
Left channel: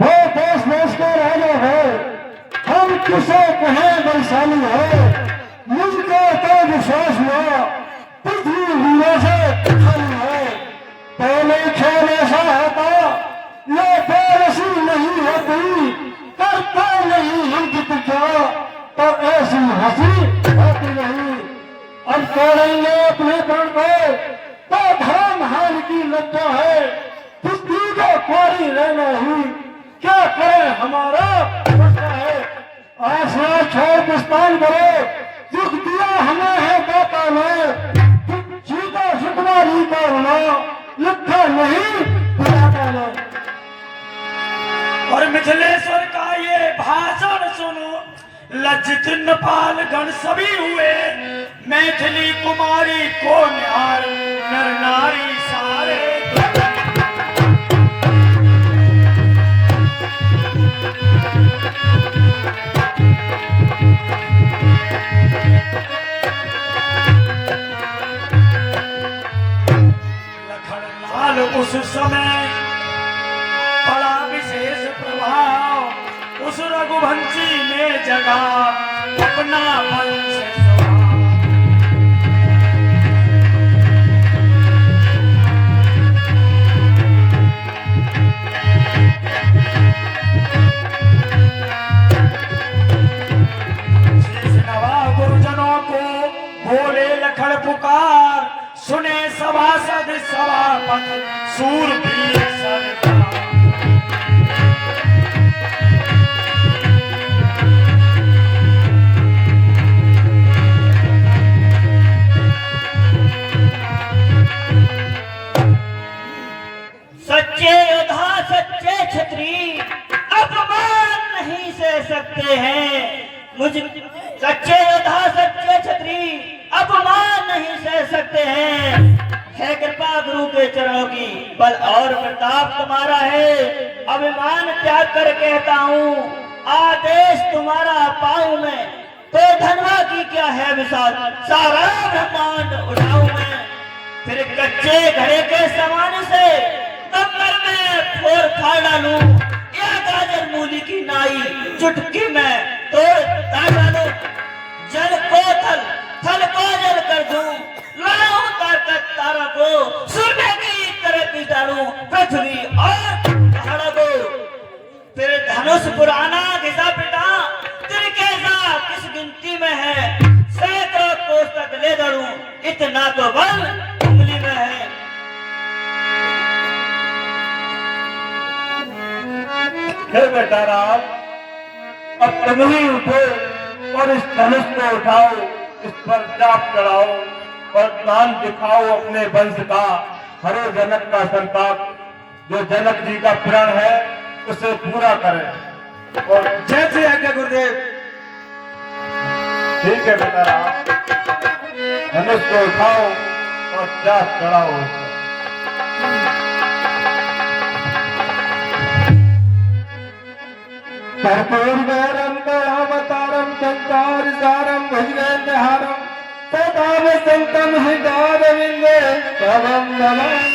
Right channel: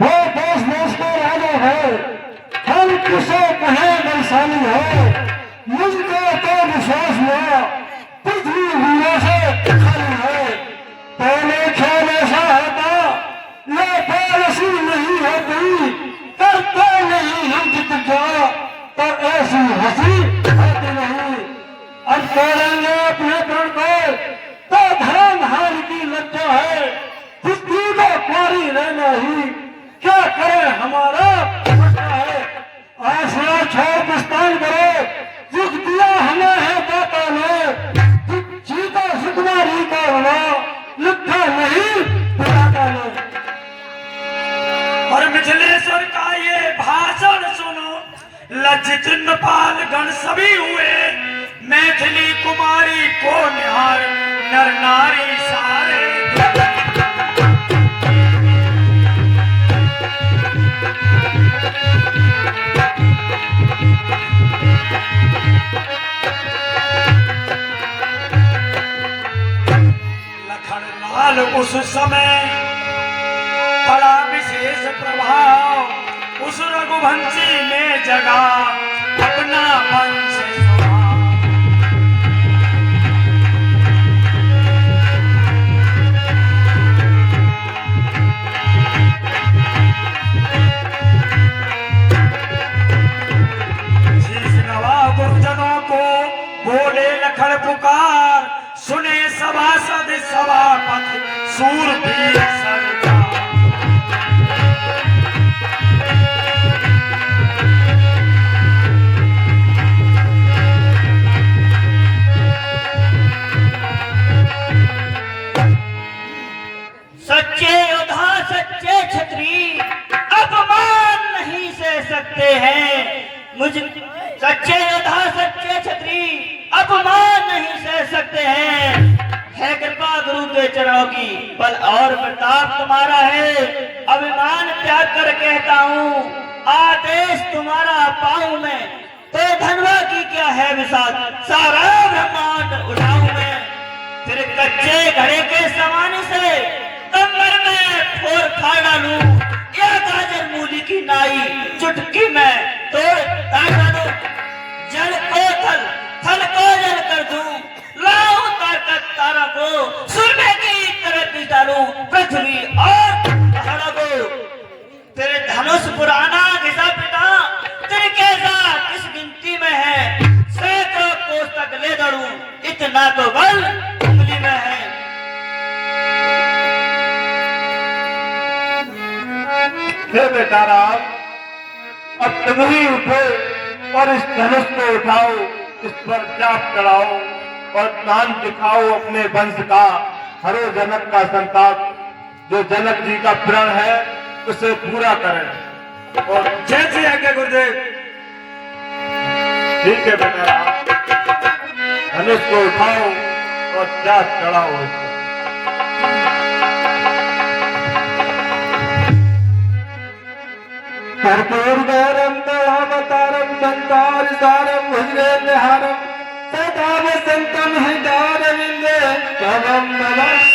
वो देश देश के राजा है, हम किसे कहे वैशाली है। मुझको तो विश्वास हुआ पृथ्वी वीरों से खाली है। पहले खेल ऐसा होता, ये पॉलिसी नहीं होती, करते नहीं हम जित क्या, तो ऐसी हंसी होती नहीं। अब तोड़ेंगे अपने प्राण को तो धर्म हार की लज्जा है। पृथ्वी को कोरी रहना ही क्या करे हमारा बचा है। आसरा छोड़ प्रस्थान करो, दुख दिया हमें है दाता ने। जीता सुकुमारी का होना लिखा नहीं पिलाता ने। और मिथिलेश्वर का ये भाषण सुनो, लज्जित नपाल गण सभी हुए, मैथिली कुमारी को निहार नर नारी सारे। लखनलाल उस समय बड़ा विशेष प्रभाव, उस रघुवंशी ने जगा अपना वंश स्वभाव। शीश नवा गुरुजनों को बोले लखन पुकार, सुने सभासद सभापति सूरवीर सरदार। सच्चे योद्धा सच्चे छत्री अपमान नहीं सह सकते हैं। मुझ सच्चे योद्धा सच्चे सकते हैं। है कृपा गुरु के चरणों की, बल और प्रताप तुम्हारा है। अभिमान त्याग कर कहता हूँ, आदेश तुम्हारा पाऊं मैं, तो धनवा की क्या है मिसाल, सारा ब्रह्मांड उठाऊं मैं। फिर कच्चे घड़े के समान से दमर में फोड़ फाड़ डालूं, या गाजर मूली की नाई चुटकी में तोड़ ताड़ डालूं। जल को थल, थल को जल कर दूं, लाऊं ताकत तारा को सूर्य की तरह पी डालूं, पृथ्वी और पहाड़ों को। तेरे धनुष पुराना घिसा पिटा, तेरे कैसा किस गिनती में है, सैकड़ों कोस तक ले दरूं, इतना तो बल उंगली में है। हे बेटा राम, अब तुम ही उठो और इस धनुष को उठाओ, इस पर जाप चढ़ाओ और दान दिखाओ अपने वंश का, हरो जनक का संताप, जो जनक जी का प्रण है उसे पूरा करें। और जैसे आज्ञा गुरुदेव। ठीक है बेटा राम, धनुष को उठाओ और जाप चढ़ाओ। कर्पूरगौरम दयावतारम संतार सारम भुजगेन्द्रहारम सदा वसंतम हृदयारविंदे कवम नमः।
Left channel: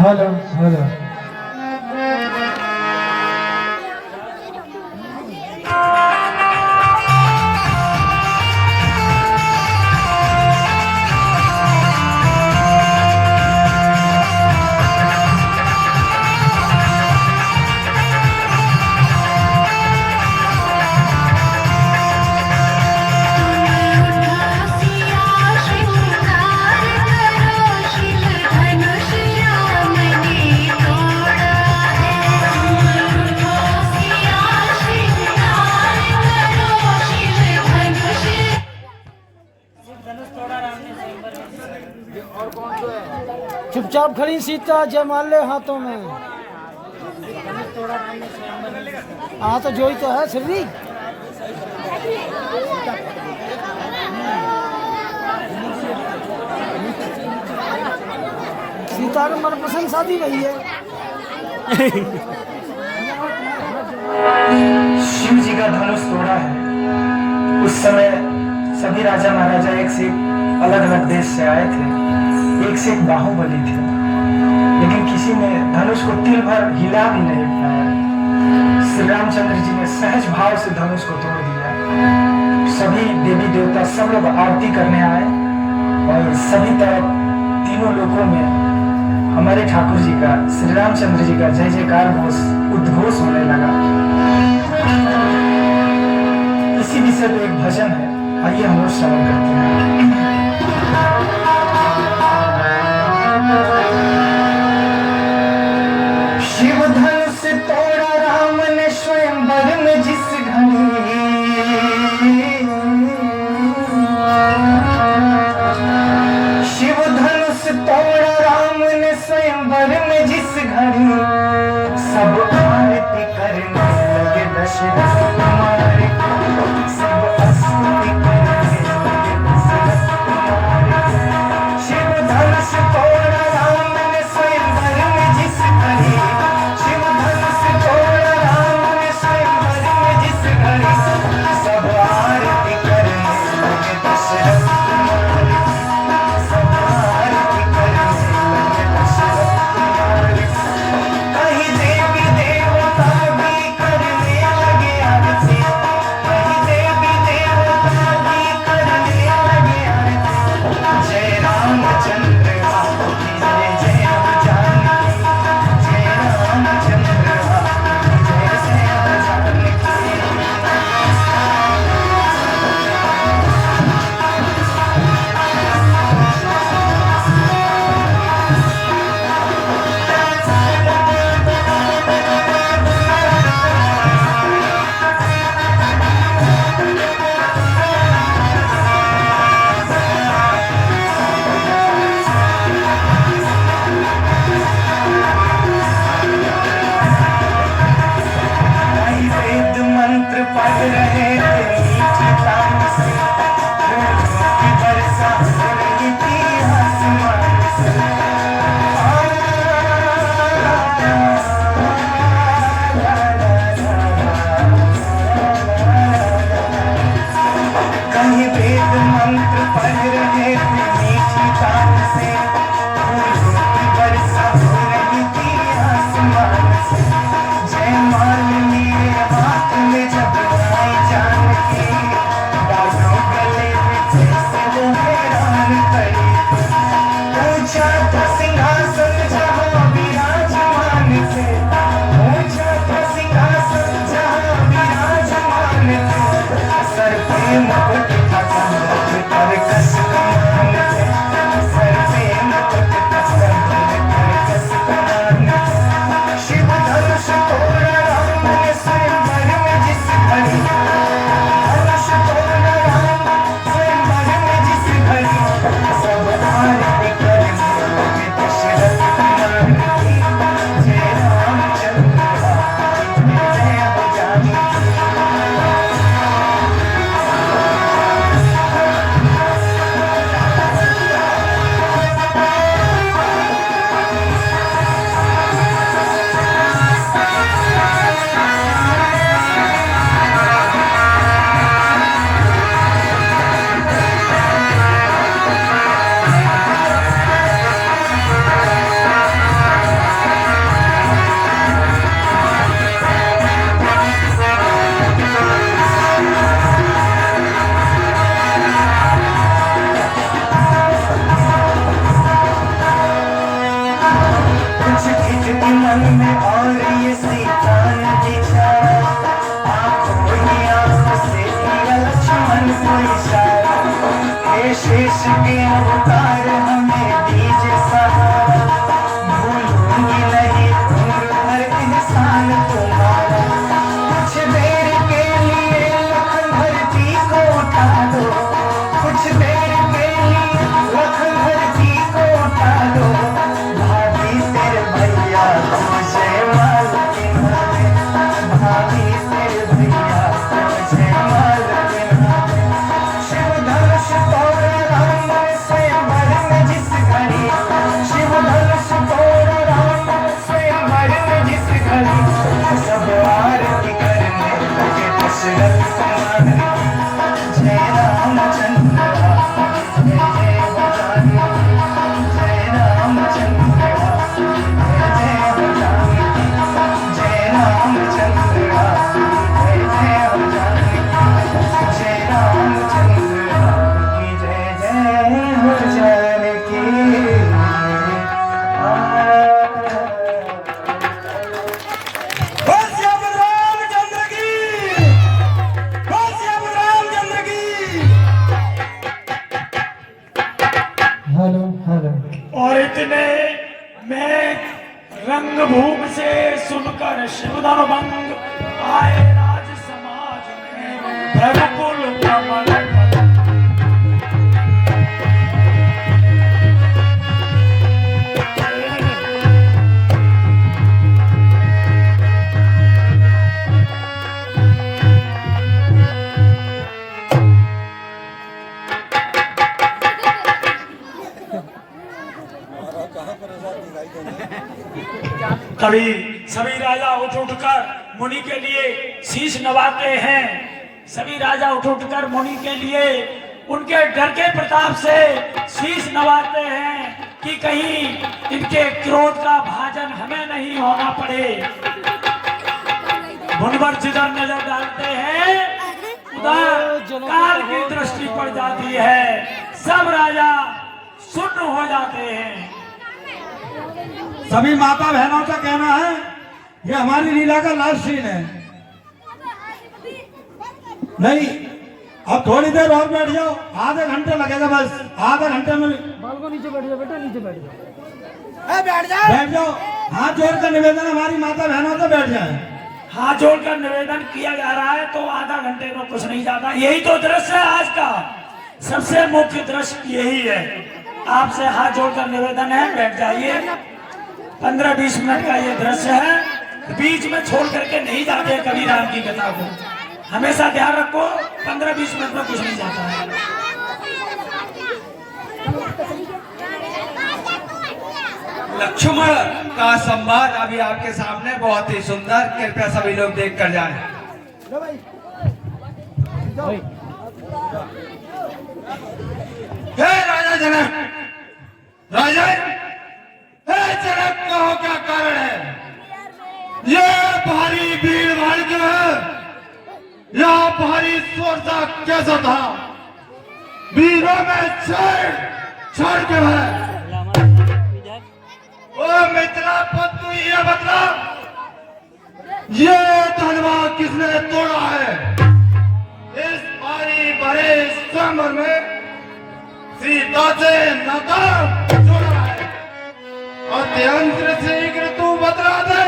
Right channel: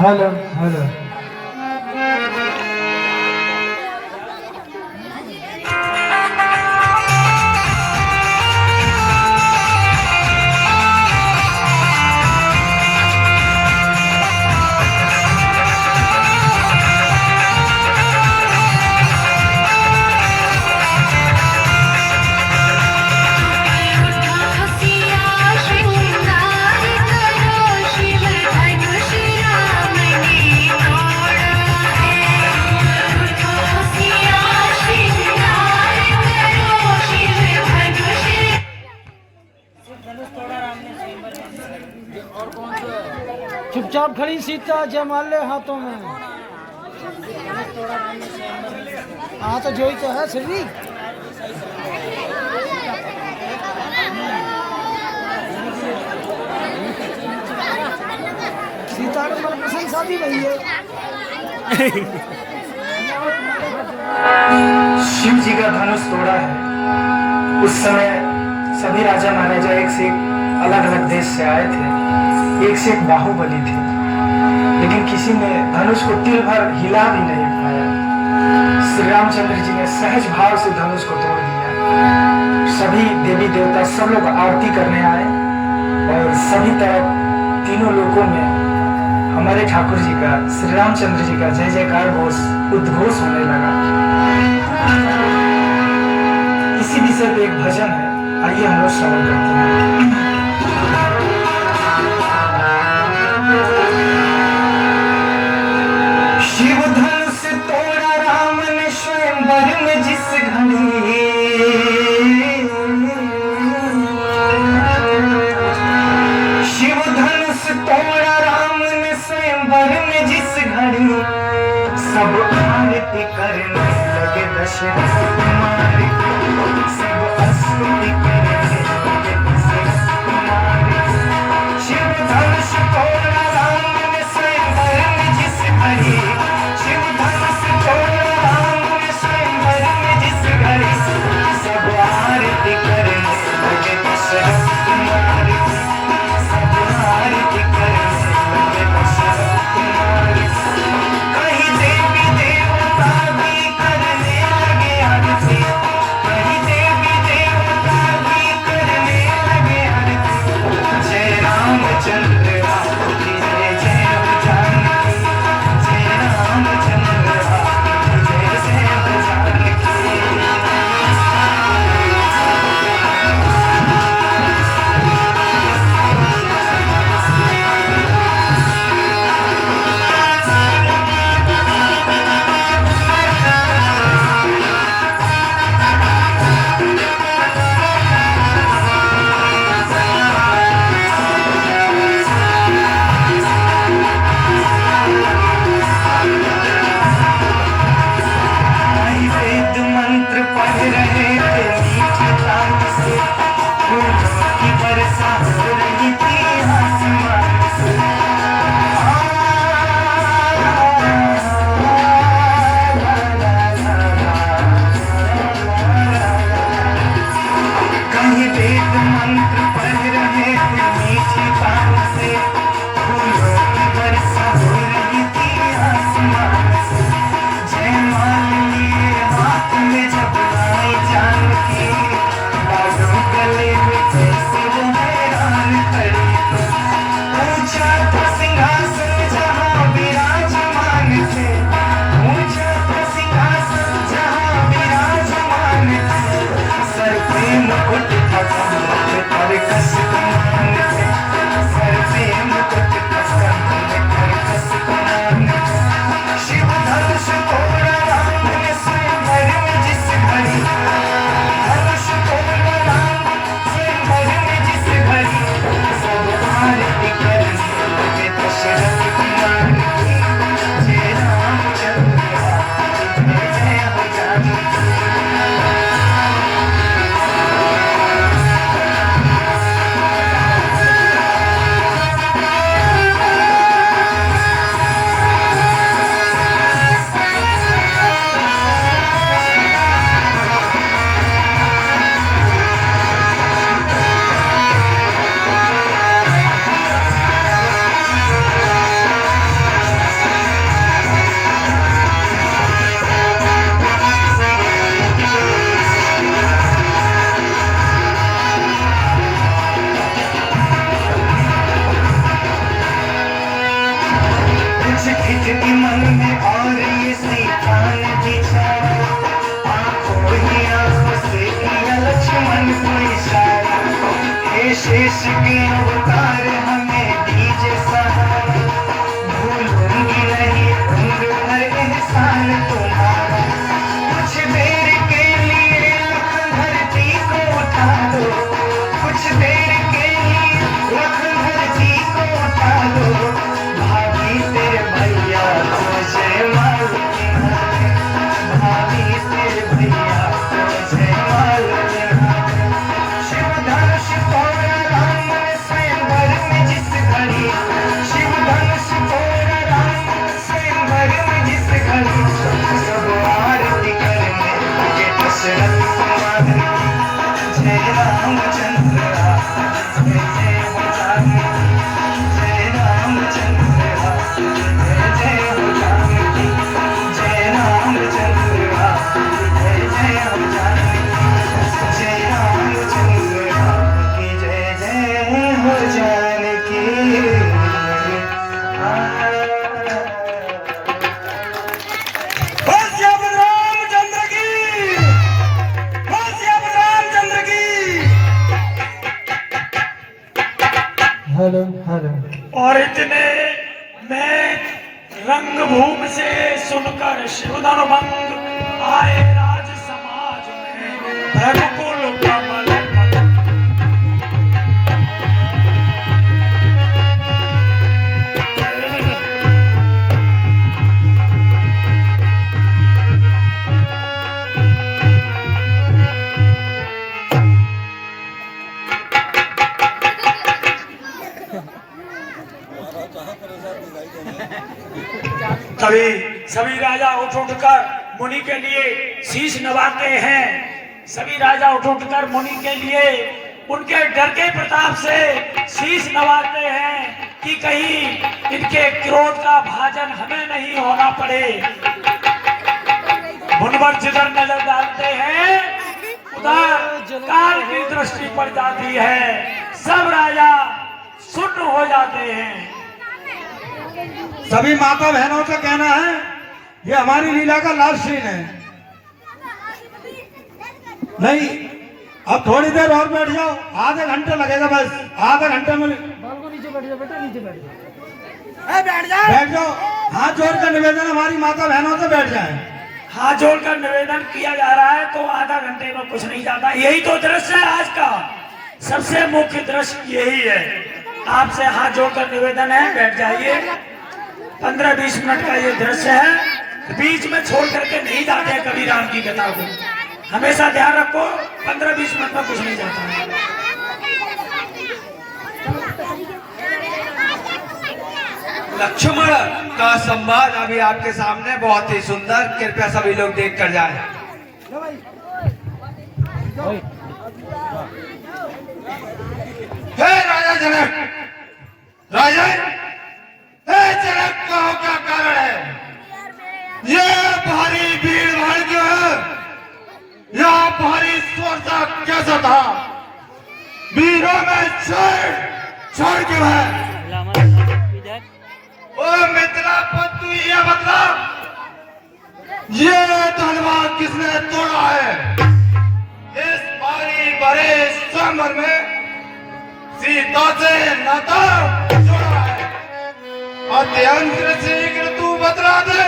हेलो हेलो चुपचाप खड़ी सीता जमा ले हाथों में। हाँ तो जो ही तो है श्री। सीता को पसंद शादी रही है। शिव जी का धनुष तोड़ा है। उस समय सभी राजा महाराजा एक से एक अलग अलग देश से आए थे, एक से एक बाहुबली थे, लेकिन किसी ने धनुष को तिल भर हिला भी नहीं पाया। श्री रामचंद्र जी ने सहज भाव से धनुष को तोड़ दिया। सभी देवी देवता सब लोग आरती करने आए और सभी तरफ तीनों लोकों में हमारे ठाकुर जी का, श्री रामचंद्र जी का जय जयकार उद्घोष होने लगा। इसी विषय पे एक भजन है, आइए हम लोग श्रवण करते हैं। शिव धनुष तोड़ा राम ने स्वयंवर में जिस घड़ी, शिव धनुष तोड़ा राम ने स्वयंवर में जिस घड़ी, सब आरती करने लगे दशरथ कुमार की, सब स्तुति करने लगे दशरथ कुमार की। शिव धनुष तोड़ा राम ने स्वयंवर में जिस घड़ी, शिव धनुष तोड़ा राम ने इसके अवतार हमें दीजिए सहारा, भूलूंगी नहीं उम्र भर एहसान तुम्हारा। कुछ देर के लिए लख धरती को उठा दो, कुछ देर के लिए लख धरती को उठा दो। भाभी तेरे भैया तुझे मार के हाथे, भाभी तेरे भैया तुझे मार के हाथे। शिव धनुष तोड़ राम स्वयंवर में जिस घड़ी, शिव धनुष तोड़ राम स्वयंवर में जिस घड़ी। सब आरती करने लगे दशरथ कुमार की, जय रामचंद्र राम जय जय हो जानकी, जय रामचंद्र राम जय जय हो जानकी, जय रामचंद्र राम जय जय हो जानकी, जय रामचंद्र राम की जय जय हो जानकी। बोल श्याम रामचंद्र की, बोल श्याम रामचंद्र की। Hello hello. और इतने में रंगभूमि से सुनकर शिवधन भंग आए राज समाज में रघुकुल कमल पतन। तभी सभी राजा उठ उठकर मुनि के लिए शीश नवाते हैं। सभी राजा उठ उठकर मुनि के लिए उनके डर के प्रताप से शीश नवाते हैं कि कहीं इनके क्रोध का भाजन हमें नहीं होना पड़े। मुनवर जिधर नजर डालते हैं उधर काल की दृष्टि पड़ जाती है, सब राजा सुन्न हो जाते हैं। सभी माता बहनों का कहना है ये हमारी लीला का लास्ट सीन है। नहीं, अब थोड़ी देर और बैठ जाओ, आधा घंटा लगेगा बस, आधा घंटे में बैठ जाओ। हाथ जोड़कर निवेदन हमारी माता बहनों से बैठ जाए। हाथ जोड़कर निवेदन किया जा रहा है तो आधा घंटे में कुछ नहीं जाता। यही तो दृश्य है आज का, सबसे मुख्य दृश्य यही है। आपसे हाथ जोड़कर निवेदन है, बैठ जाइए। 15-20 मिनट का ये दृश्य है, बीच में छोड़ करके नहीं जाते कभी राम की कथा को। हमेशा ध्यान रखो, 15-20 मिनट में कुछ नहीं जाता है। लक्ष्मण का संवाद अभी आपके सामने बहुत ही सुंदर, कृपया सभी लोग देख कर जाएं। हे राजा जनक, राजा जनक कहो क्या कारण है? ये भारी भीड़ भाड़ जो है, यहाँ भारी शोरता कैसा था? वीरों में छोड़ के है। ओ मिथिलापत, तू ये बता, ये धनवा किसने तोड़ा है? इस भारी भरे समर में सीता से नाता जोड़ा है। अत्यंत शीघ्र तू बतला दे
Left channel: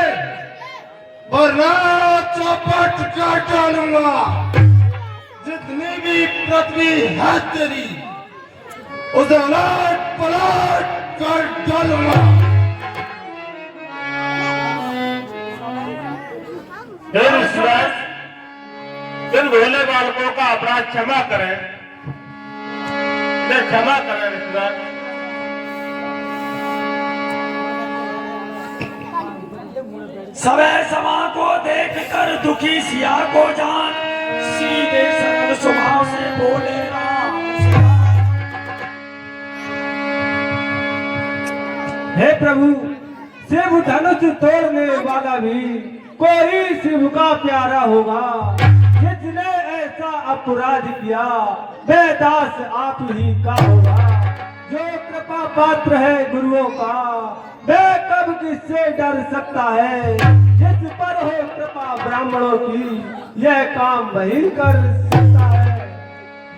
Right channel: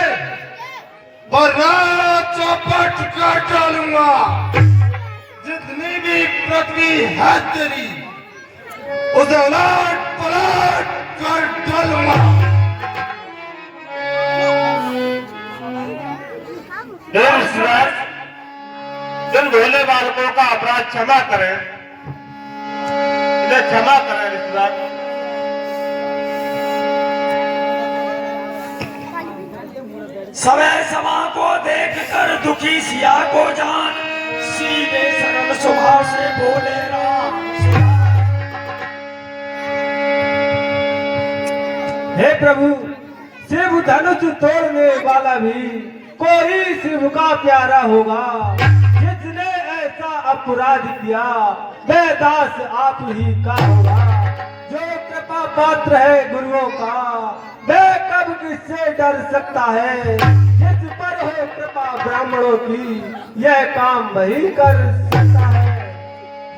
वरना चौपट काट डालूंगा। जितनी भी पृथ्वी है तेरी, उसे उलट पलट कर डालूंगा। इन भोले बालकों का अपराध क्षमा करें, इन्हें क्षमा करें रिश्तेदार। समय समा को देख कर दुखी सिया को जान, सीधे सरल स्वभाव से बोले राम। हे प्रभु, शिव धनुष तोड़ने वाला भी कोई शिव का प्यारा होगा। जिसने ऐसा अपराध किया वे दास आप ही का होगा। जो कृपा पात्र है गुरुओं का वे कब किससे डर सकता है। जिस पर हो कृपा ब्राह्मणों की यह काम वही कर सकता है।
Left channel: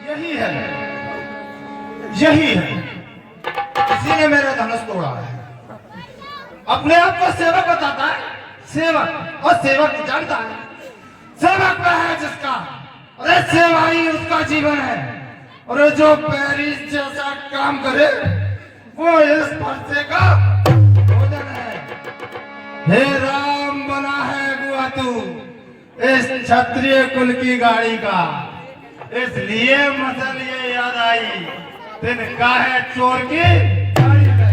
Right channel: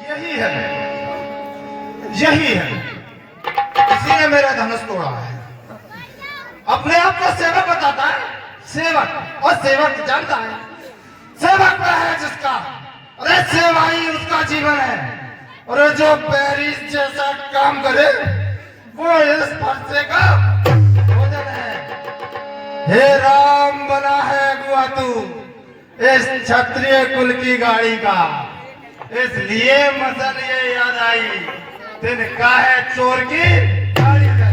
यही है, यही है, इसी ने मेरा धनुष तोड़ा है। अपने आप को सेवक बताता है, सेवक, और सेवक जानता है सेवक वह है जिसका, अरे सेवा ही उसका जीवन है। और जो पेरिस जैसा काम करे वो इस फरसे का भोजन है। हे राम बना है अगुआ तू इस क्षत्रिय कुल की गाड़ी का, इसलिए मसल ये याद आई तिनका है चोर की गाड़ी का।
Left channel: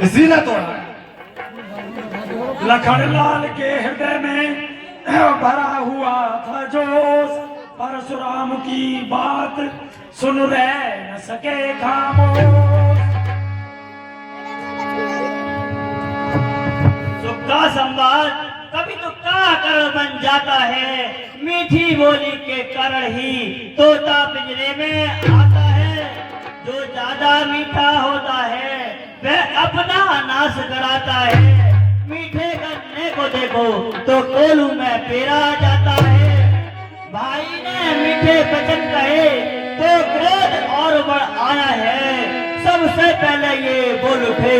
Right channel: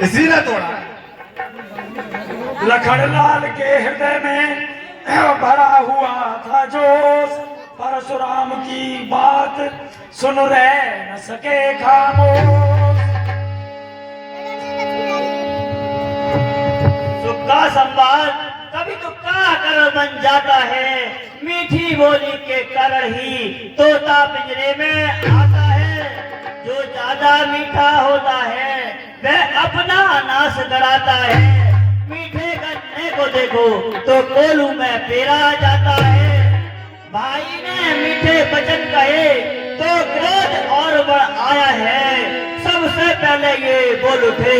इसी ने तोड़ा। लखनलाल के हृदय में भरा हुआ था जोश, परशुराम की बात सुन रह न सके खामोश। तुक्का संवाद कभी तुक्का कर बन जाता है, मीठी बोली के कारण ही तोता पिंजरे में आता है। जो ज्यादा मीठा होता है वह अपना नाश कराता है। मीठे गन्ने को देखो तो कोलू में पेरा जाता है। भाई ने मीठे वचन कहे तो क्रोध और बढ़ आया है। सबसे पहले ये बोल उठे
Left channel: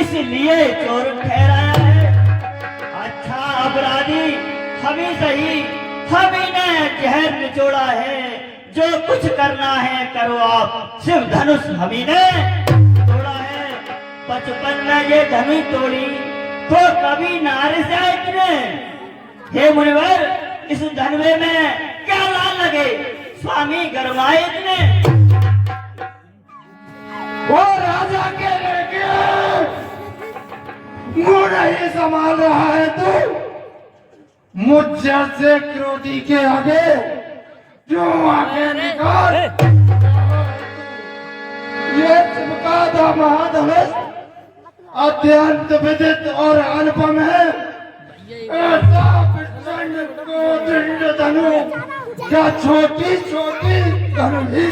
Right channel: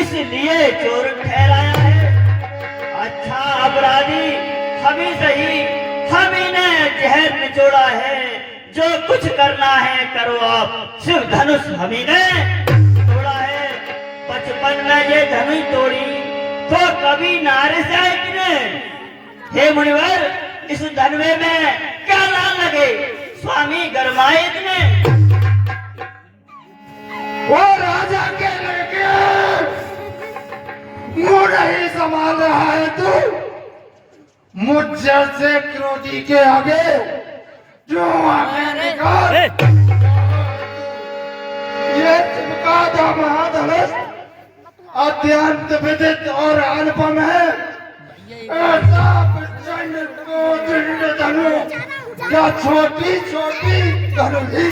इसलिए चोर ठहराया है। अच्छा अपराधी हमी सही, हमी ने जहर निचोड़ा है। जो कुछ करना है करो आप, सिर्फ धनुष हमी ने तोड़ा है। बचपन में ये धनुष तोड़ी तो कभी नारे से इतने। हे मुनिवर, इस धनवे में क्या लाल लगे, स्वामी गरमाए इतने। वो राजा के लड़के मुंह नहीं संभाल रहा है तू, मुझ जैसे क्रोधी के आगे क्यों आगे निकाल। ये चिपका था महाधनुष, अत्यंत विदित और अनुपम है। ऐसा प्रचंड को दंड धनु या छोटी छोटी धनु ही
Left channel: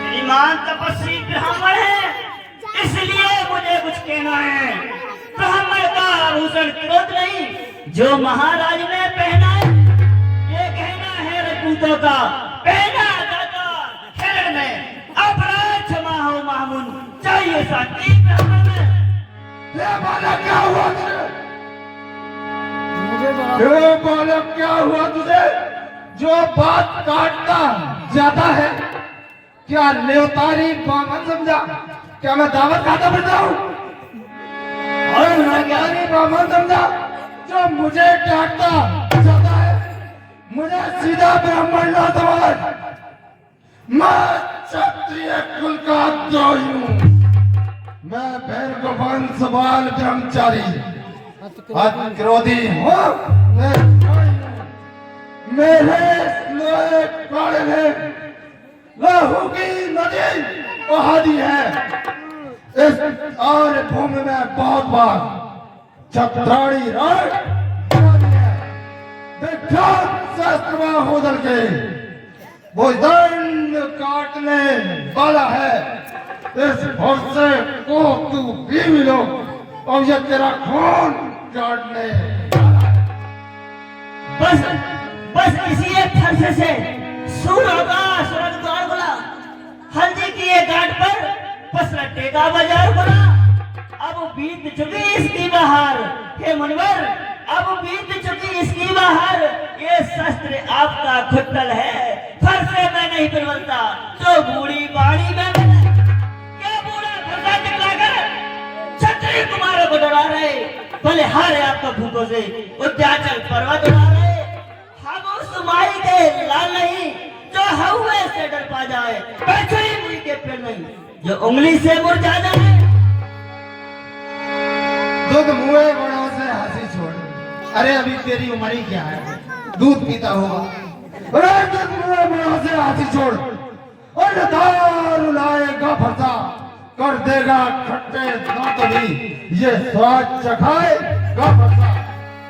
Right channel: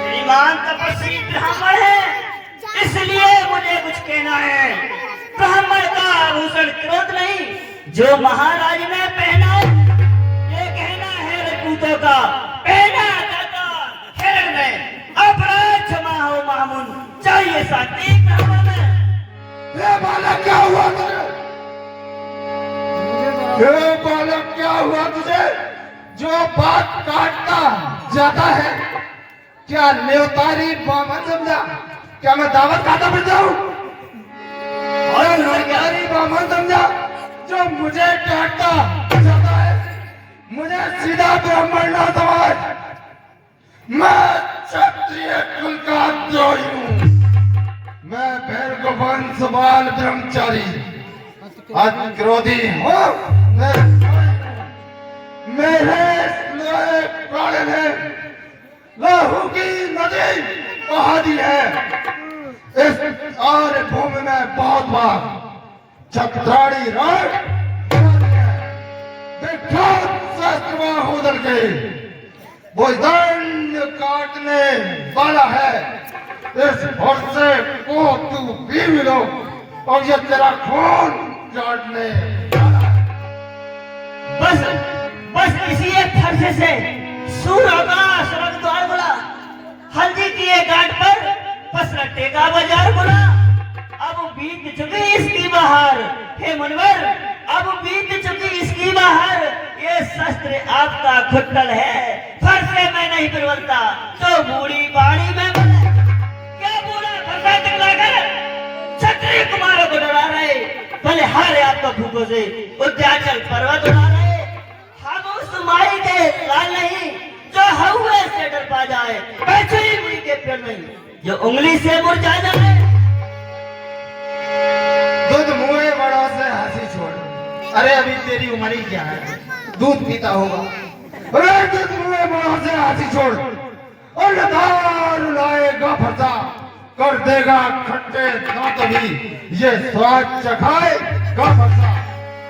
श्रीमान तपस्वी ब्राह्मण है, इसलिए मुझे कुछ कहना है। ब्राह्मण का आभूषण क्रोध नहीं, जो महाराज ने पहना है। ये कहना है रजपूतों का, पहना जाता हिरण में अपराध क्षमा हो मामून, चाहिए शांति ब्राह्मण में। ये बालक क्या हुआ तुझे? ये बालक क्या हुआ तुझे जो बात काटता जाता है? क्या न्योतारी बामन समझा? क्या मैं दावत खाता फिरता हूँ? और न्योतारी बामन समझा जो मुझे काटता जाता है? मुझे सीधा ब्राह्मण ना समझ, मैं क्षत्रिय कुल का द्रोही हूँ। मैं भैरव वंश बाल ब्रह्मचारी क्रोधी हूँ। मेरे लोहे प्राण है, लहू की नदी बहा दी है। इस और भूमि में बहुत बार चपराड़ी रण विख्यात शस्त्र बाहुदल के वो दंड काटने वाला है। इस भरोसे को तू भी मिलो और ये तेरा खून काटने वाला है। बस इसी एक फरसे से सूर्य का स्वर्ग द्वार खुला, हल्दी की एक घाट पर पसरट्टे का बाजार खुला। अब बीत चुकी इसकी बहार, हे मुनिवर, अब बीत चुकी इसकी बहार। ये शस्त्र आपका खुट्टल है, फरसे में नहीं बलवता तो बूढ़ी बाड़ी में बने। क्या बूढ़ा फरसा दिखलाकर क्षत्रिय कुमारों को डरा रहे, भले हारे आपका भूखों से उद्याचल पर्वत उड़ा रहे। हम उस माई के लाल नहीं जो हवा से डर पा जाए, पैसे ही के पेड़ नहीं जो उंगली से मुरझा जाए। दूध मुँह बड़ा से हंसी छोड़, अरे अभी तेरी उम्र ही क्या है, दूध पीता होगा। अरे दूध मुँह बड़ा से हंसी छोड़, और दारू लाएगा फरसा, कर देगा खट्टे दांत भी ये स्वाद चखाएगा फरसा।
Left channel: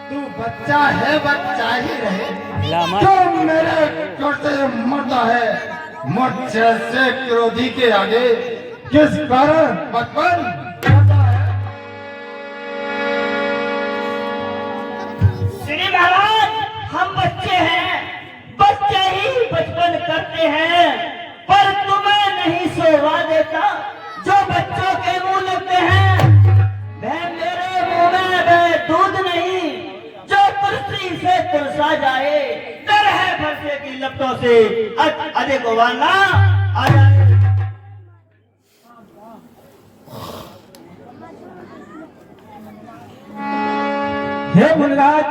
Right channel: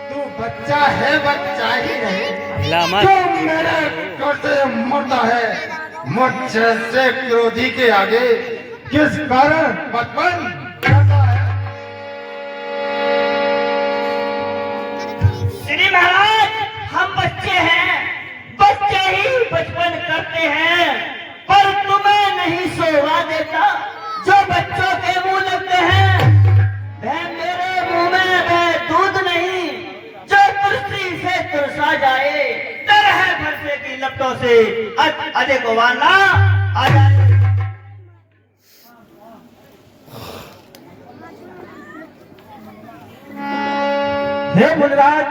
तू बच्चा है, बच्चा ही रहे, जो मेरे करते मरता है। मुझ जैसे क्रोधी के आगे किस कारण बचपन जाता है? श्री महाराज, हम बच्चे हैं, बच्चे ही बचपन से अजय गोवाना आ जाए। हे मुनिराज,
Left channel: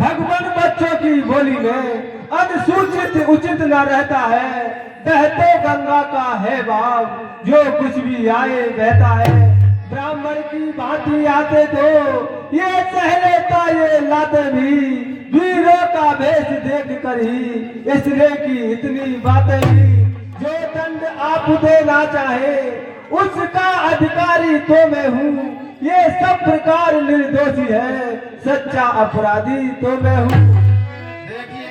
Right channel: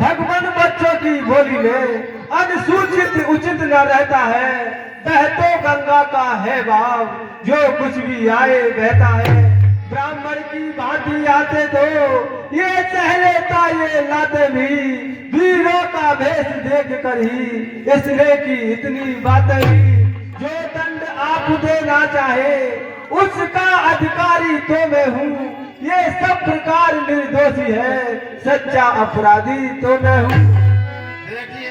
भगवान बच्चों की बोली में अनुसूचित उचित न रहता है। बहतो गंगा का है भाव, जो कुछ भी आए बहता है। ब्राह्मण की भांति आते तो ये सह लेता ये लाते भी, वीरों का भेष देख कर ही इसने की इतनी बातें भी। जो दंड आप देना चाहे उसका अधिकारी तो मैं हूँ, ये सब प्रकार निर्दोषी है, सच्चा अपराधी तो मैं हूँ। देखिए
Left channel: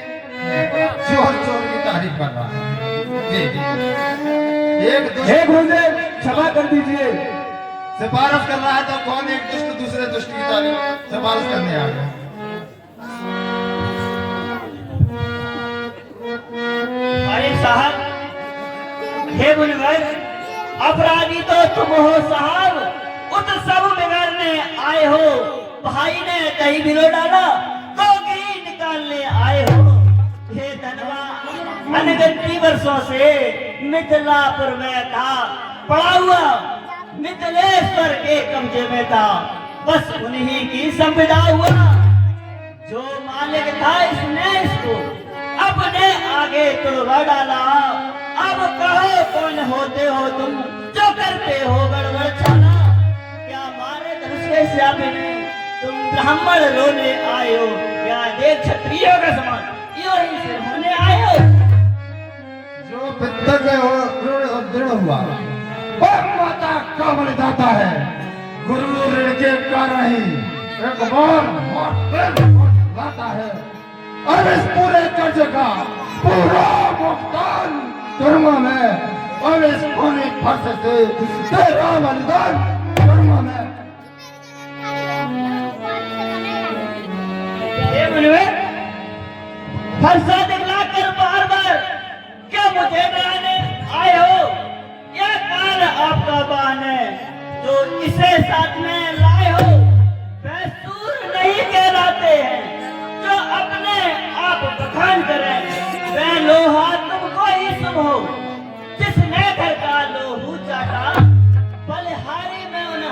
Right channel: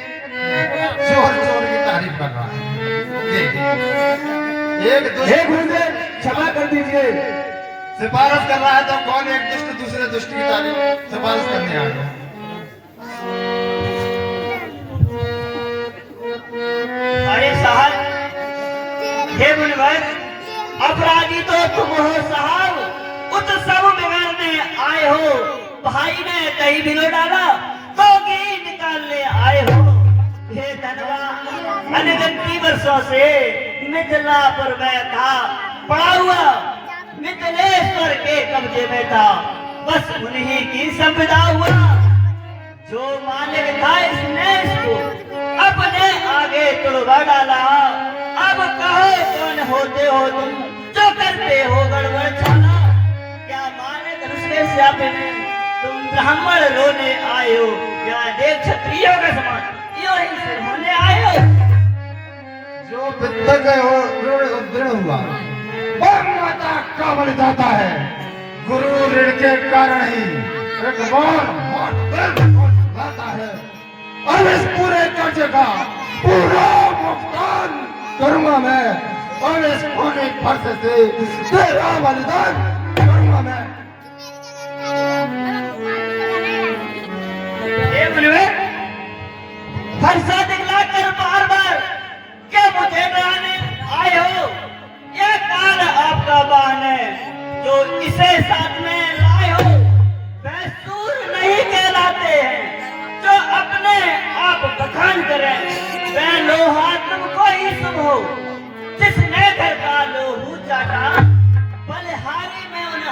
चोर चोर की तारीफ कर रहा है। देखिए एक गुरुदेव क्षमा कर दीजिए। सिफारिश कर रहा है तो कौन एक दुष्ट दूसरे दुष्ट की तारीफ सिफारिश करने आ गया। अरे साहब, हे मुनिवर, अपराधी तो तुम हो साहब, उत्सव बिगाड़ने आए हो। भाई ने दही भिगो डाला तो घी निकालने आए हो। हे धनवा, अनगिनती वर्षों से मिथिला पर मैं था पड़ा हुआ, मिथिलेश्वर के कब्जे में था, बस उन्हीं की संविदा हुआ। जो मालिक था इसने इसको अपने आगे तुड़वा डाला। अब कहो कौन होते हो तुम, जो करते हो गड़बड़ छाना। क्या मारे धनुष के स्यापे में तुम ब्राह्मण रोने आए हो, क्या देख क्षत्रियों का समान यो ही सिर होने आए हो। जो पितृ हो दृढ़ हुआ वो माता का बलिदाता है। गुरु ऋण के कारण ही एक बार लाता है। अब इस पूरे कर्ज का पूरा भुगतान करूंगा मैं। अब इस खूनी फर्श से तेरा बलिदान करूंगा मैं। हे मुनिवर, फरसा दिखला कर बार बार क्या मुझे डराने आए हो? यह कान आपका बान है जो इसे साथ में लाए हो। वह सूर नहीं कहलाते हैं जो अपने आप बखान करें। वह लोहा तुमको ही शुभ हो जिसने घर का लोहू चाटा। बलिहारी में उन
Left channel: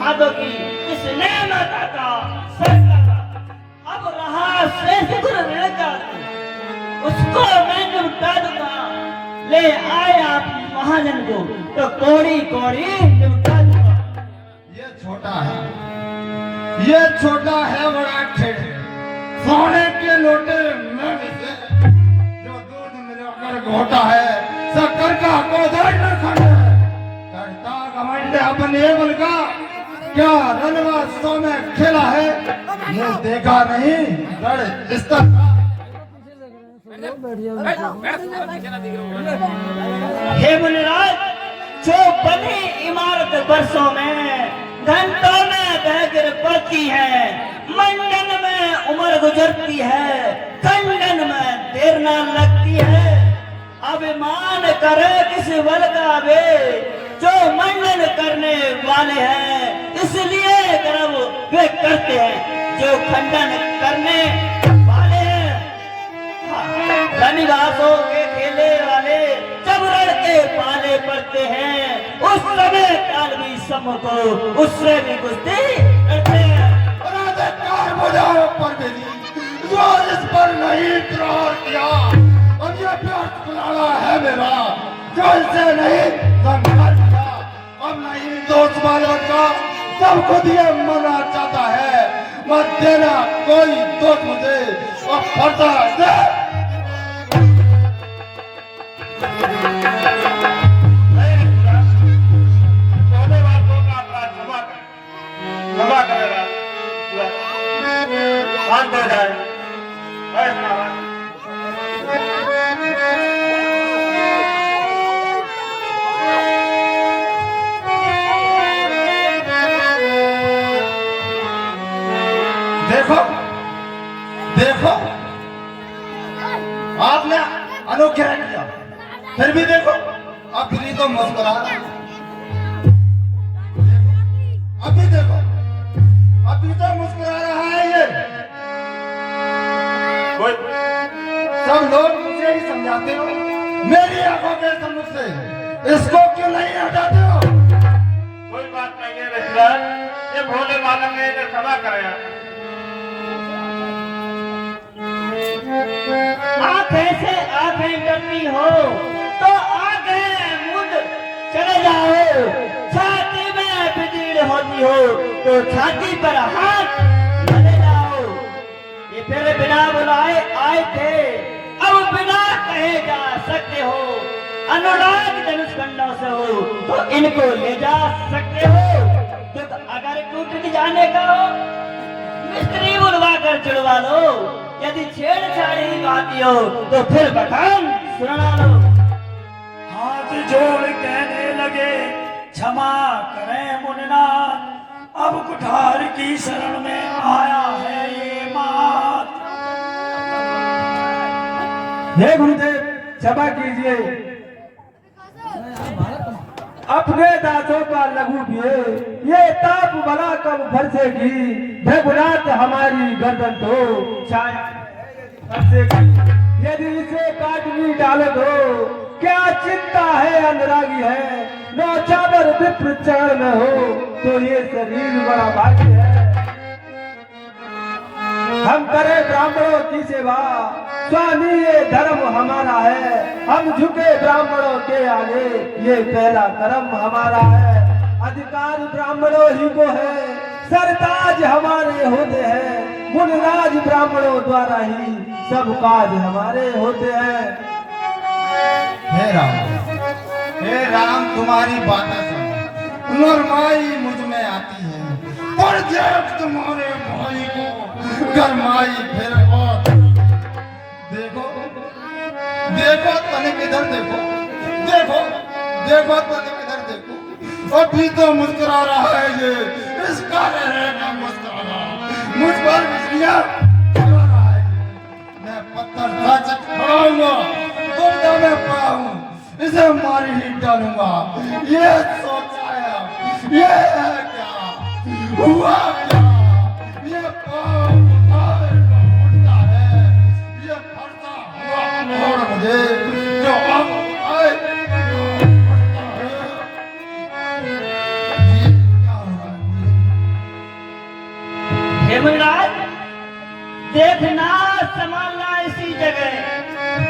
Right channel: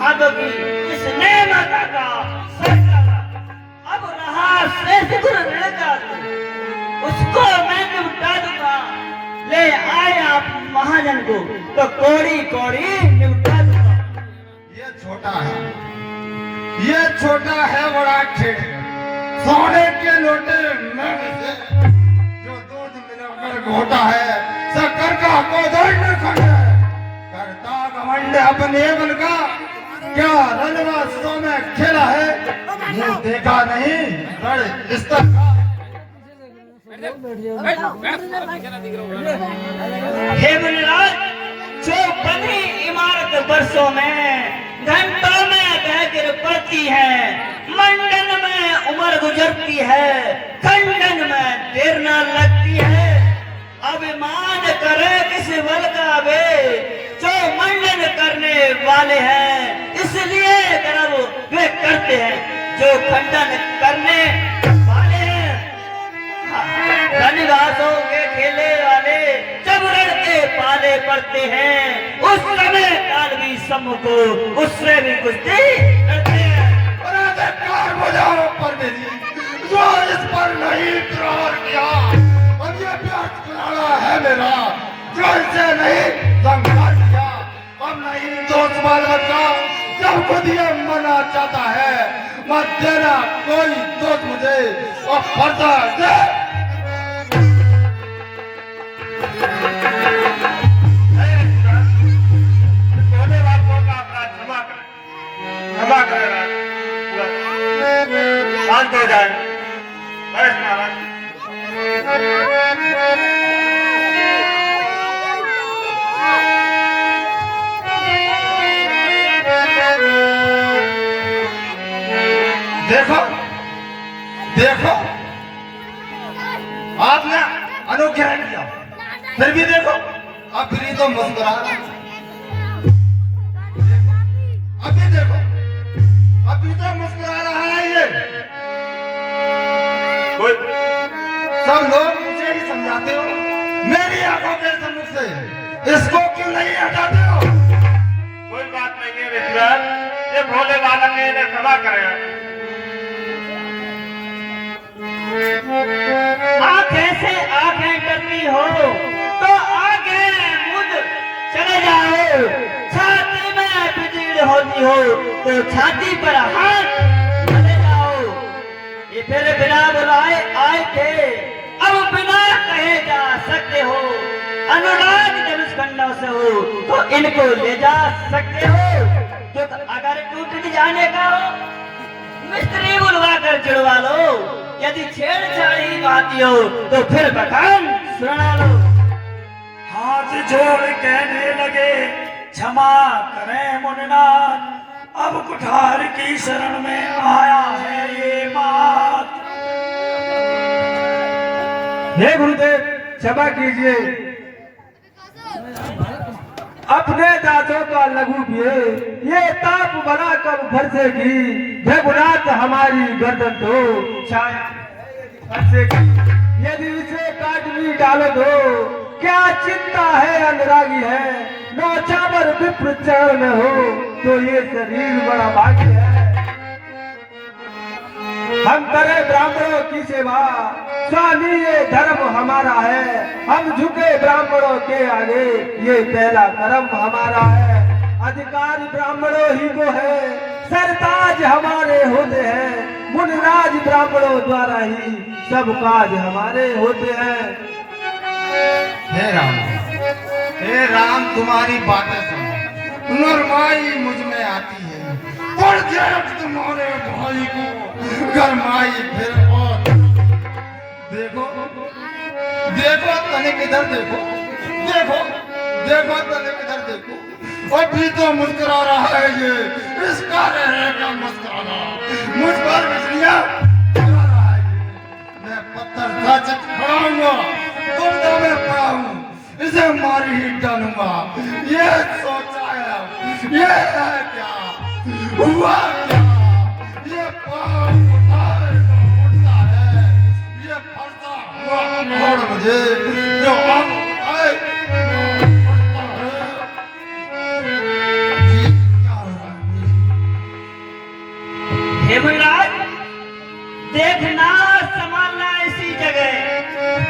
हाथों की जिसने माता का सर काटा। अब रहा श्रेष्ठ ऋण का उसको मैं निपटा दूंगा। ले आए आप महाजन को तो कोड़ी कोड़ी निपटा दूंगा। ये छोटा है, ये छोटा है बड़ा ठेठ। सोने के लोटे नग से जो दूध मिलाकर घोटा है, शक्कर का कोदंड खंड है। करता घमंड अपने बल का, क्या रलवा सो में खेला है। मुंह देखा नहीं रण स्तर का। हे मुनिराज, जो बनी इमारत बरसों में घंटों में बह गिर पड़ती है। मंडन में उम्र गुजरती है, खंडन में देर न लगती है। अभिमान करे किस बल का वे जो मंडन करने वाले हैं, इसलिए गर्व वे करते हैं जो खंडन करने वाले हैं। धनिवासों के खेले वाले जब लड़के पाले पड़ते हैं, उस समय काल भी सम को उससे भी कुश्ती करते हैं। जो इस पर नहीं इकरार किया, अब ये प्यार कुलाड़ा है मेरा जो इसे नहीं संभाल किया। अब नहीं दोस्त बाल बच्चा जब खुद ये मना चाहता है, मत देना कोई दोस्त मुझे और फरसा दे। क्षमा करेगा, शांत हो जाए। बैठ महाराज। देखो देखो, आपने अनुग्रह किया, फिर भी देखो अब फिर तो मुस्कुरा रहा है। अभी देखो, अभी तो मुस्कुरा रहा है ये। सब लोग मुझे ही समझा बनाते हो? मेरी आंखों के सम्मुख से इसको क्यों नहीं हटाते हो? कोई बात नहीं है ऋषिराज, ये भोले बालक ने इन्हें क्षमा करें। आंखें से आंखें करती हो तो आगे मुझ चले जाओ, छाती में बिजली होती हो तो छाती पर हाथ चले जाओ। ये फिर बिना बुलाए आए थे, अब बिना कहे जा सकते हो। अनुराग धनुष खंडों से हो तो इनको ले जा सकते हो। जो अगर टूट जाने का हो मिस्त्री बुलवा कर चिड़वा लो, यदि छेड़छाड़ी बाती हो तो फिर बखान सुना लो। हाथ जोड़ कहने लगे क्षमा करें मुनिनाथ, अब कुठार की शरण में आया है ये मात। हे गुरुदेव क्षमा कीजिए, अपने दांतों का लघु किए ये ताप बना कर फरसेगी, भगुनाथ हमारी गर्दन तो छाया फरसेगी। यदि इसे काट भी डालो दो, क्या चिंता है अनुरागी है, नौचावर विप्र चरण में हो तो ये शरीर बड़ा भाग्य है। हम करें ब्राह्मणों की सेवा, स्वामी ये धर्म हमारा है, हम झुके ब्राह्मणों के आगे ये पहला कर्म हमारा है। अधिकार ब्राह्मणों ही को है, सरताज हमारे होते हैं, मुनिराज ब्राह्मणों द्वारा ही सब काज हमारे होते हैं। हे राम तुम्हारी बातें सुन नरमाई मुझ में आती है, पर जब तुम्हारे भाई को गरमाई फिर और देखो देखो तनिक इधर देखो, देखो देखो तनिक इधर देखो, अभी तो मुस्कुरा रहा है ये, इसका रहेगा मुस्कुराना, मुझ पर बिजलियां गिरा रहा है ये। मैं पत्थर साचक पड़ाऊंगा, दुर्दा में पड़ा हूँ, इसे मार ही डालूंगा। ये सोचा है, ये है क्या हुआ क्या, ये पाँव उठता है, ये फरता हुआ और मुझे जो अब आए उठता है। ये क्या हो रहा है? हे मुनिराज, देखना संभालना इसी जगह,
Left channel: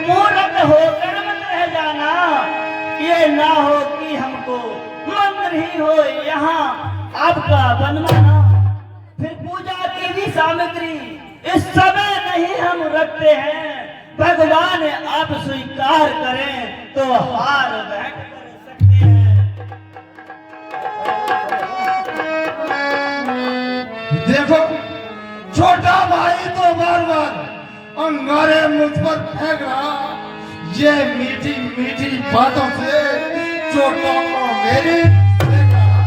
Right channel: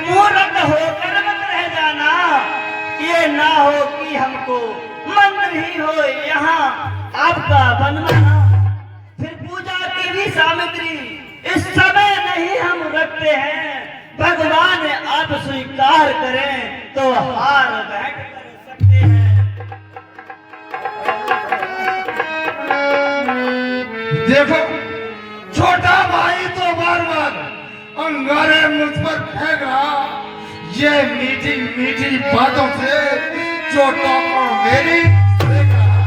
मूर्ख होकर मत रह जाना, ये ना हो कि हमको मंत्र ही हो यहाँ आपका बनवाना। फिर पूजा की भी सामग्री इस समय नहीं हम रखते हैं, भगवान आप स्वीकार करें तो हार बैठ कर सकते हैं। देखो छोटा भाई तो बार बार अंगारे मुझ पर फेंक रहा, ये मीठी मीठी बातों से छोटा और मेरी फेंक रहा।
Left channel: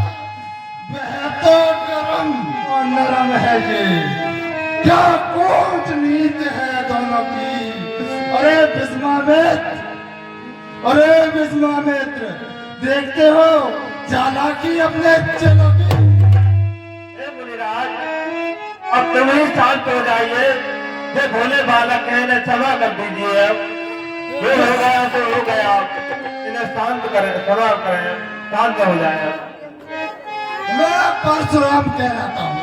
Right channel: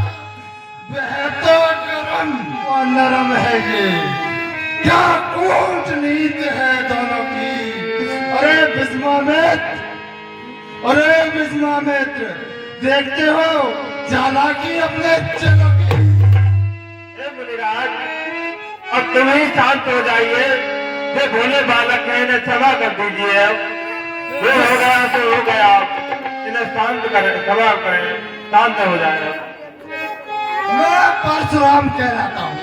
वह तो गरम और नरम है ये, क्या कूटनीति है दोनों की। अरे विस्वामित्र, अरे विस्वामित्र, देखते हो चालाकी अपने चलो की। मुनिराज अब तुम ही शांत हो जाइए, ये भोले बालक है, इन्हें क्षमा कर दीजिए। अब जो हो गया तो हो गया, इन्हें शांत करें, क्षमा करें, शांत हो जाए। मैं परशुराम कहलाता हूँ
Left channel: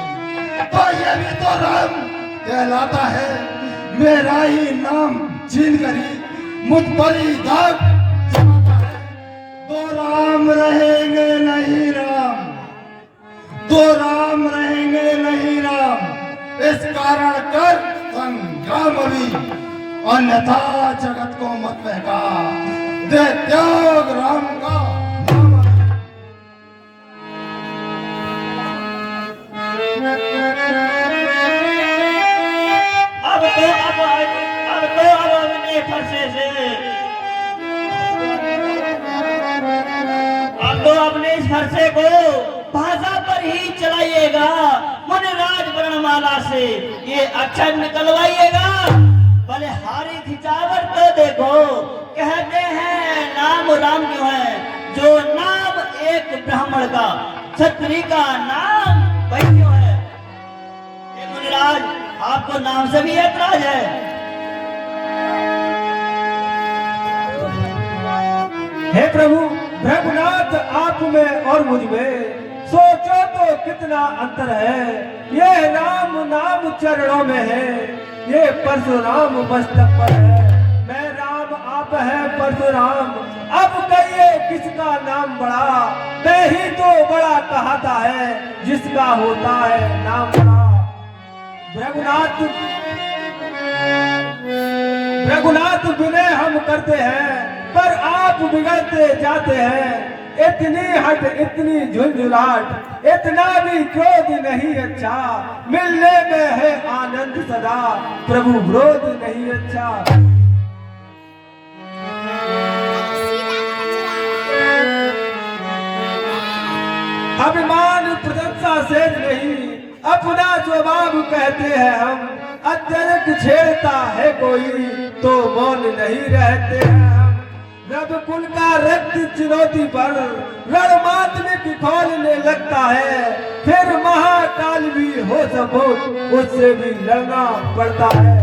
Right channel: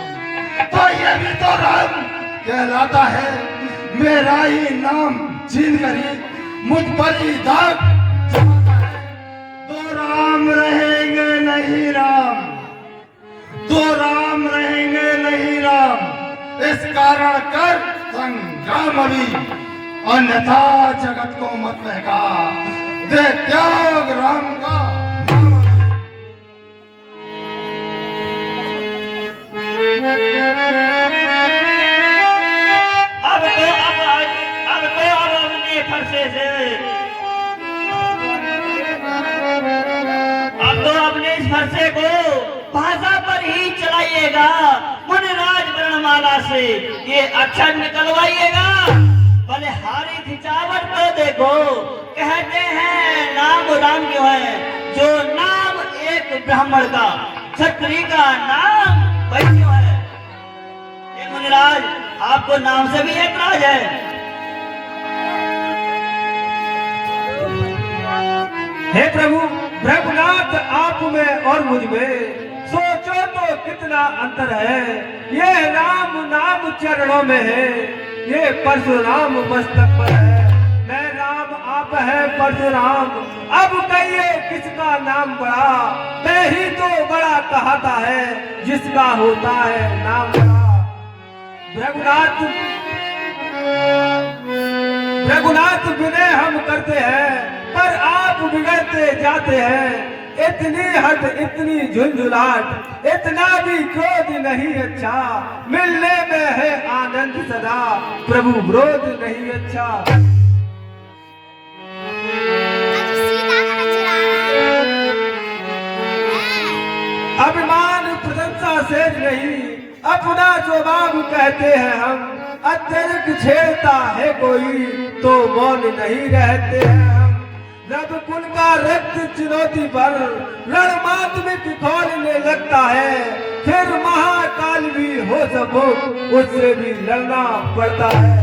तो ये भी तो राम कहलाता है, मेरा ही नाम छीन कर ही मुझ पर ही दाग जमाता है। दो राम रहेंगे नहीं राम, दो राम रहेंगे नहीं राम, इस कारण कर संग्राम अभी, अन्यथा जगत को मत बहका दे त्याग राम का नाम अभी। अब तो अपने फरसे से, अब तो अपने इस फरसे को भाषा पर ही चलाइएगा, मुनिराज वर्णमाला से ये अक्षर निकलवाइएगा। भले हारी खिंचावट तो देखो, कहते हैं नाम राम क्यों है, जो नाम एक ब्राह्मण का क्षत्रिय का नाम वही क्यों है। ये मुनिराज आपको नाम से भी ऐतराज है। हे प्रभु रघुनाथ आप में और मुझ में सोचो तो कितना अंतर है। ये राम नाम चरणों में है, ये परशुराम मस्तक पर है। मैं राम आप है परशुराम, अब कहिए किसका नाम बड़ा। मैं ही तो बड़ा कहता है जिसका होता है नाम बड़ा। रघुनाथ विनय हम करते हैं पर आप बिगड़ते जाते हैं। इतनी हट इतनी झुंझुलाहट इतना भी क्रोध नहीं अच्छा। मिलने में है आनंद सदा, प्रभु विरोध नहीं अच्छा। अभिमान प्रशंसा से नहीं, अपना स्वभाव कहते हैं हम। अत्यधिक छेड़ता है कोई तो मौन नहीं रहते हैं हम। रब कुल का रक्त चुनौती पर रणमात्मिक खोलने लगता है। फिर महाकाल भी हो सको उससे भी लड़ना पड़ता है।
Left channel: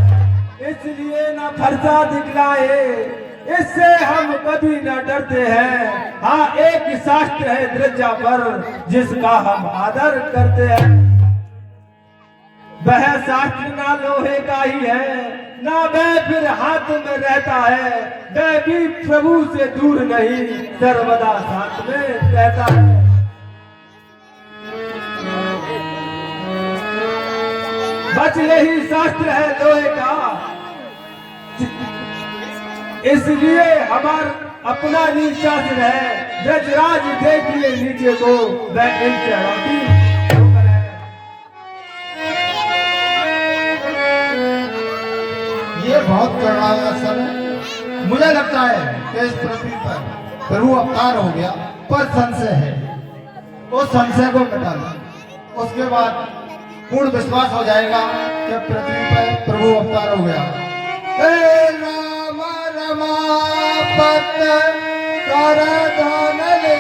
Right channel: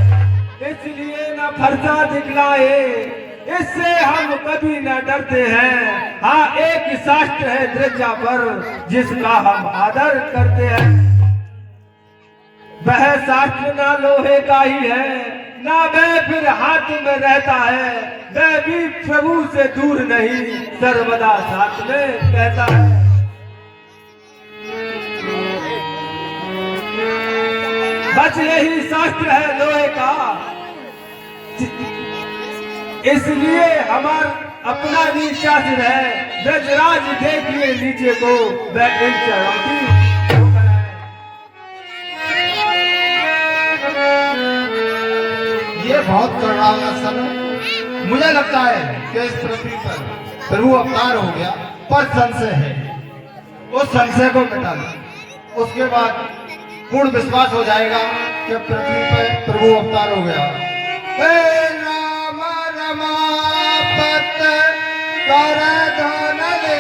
इसलिए न फरसा दिखलाए, इससे हम कभी न डरते हैं। हाँ एक शास्त्र है दृजा पर जिसका हम आदर करते हैं। वह शास्त्र ना लोहे का ही है, ना वह फिर हाथ में रहता है। वह भी प्रभु से दूर नहीं, सर्वदा साथ में कहता है। बस यही शास्त्र है लोहे का, इसलिए हमारा अपना नीचा सिर है। ब्रजराज देखिए नीचे को, वह इन चढ़ाती। ये बहुत करुणामय स्थल है। मुझे लगता है कि इस पृथ्वी पर प्रभु अवतार हो गया, पर संशय है। उस संशय को मिटा लो, उसके बाद पूर्ण विश्वास हो जाएगा कि पृथ्वी पर प्रभु अवतार हो गया। हे राम रमापत कर धन ले,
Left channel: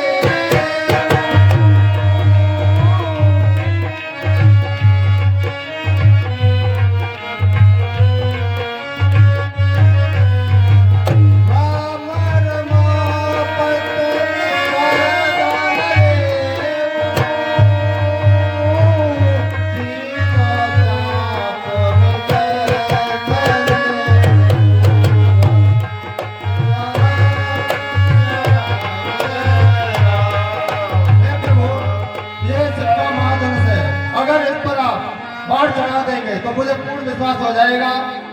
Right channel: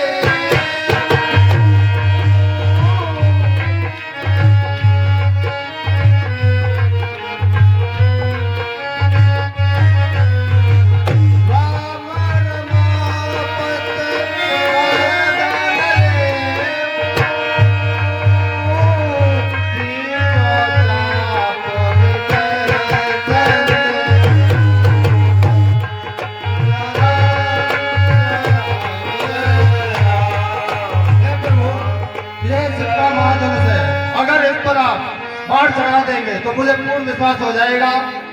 बाढ़ चढ़ा देंगे तो मुझे पूर्ण विश्वास हो जाएगा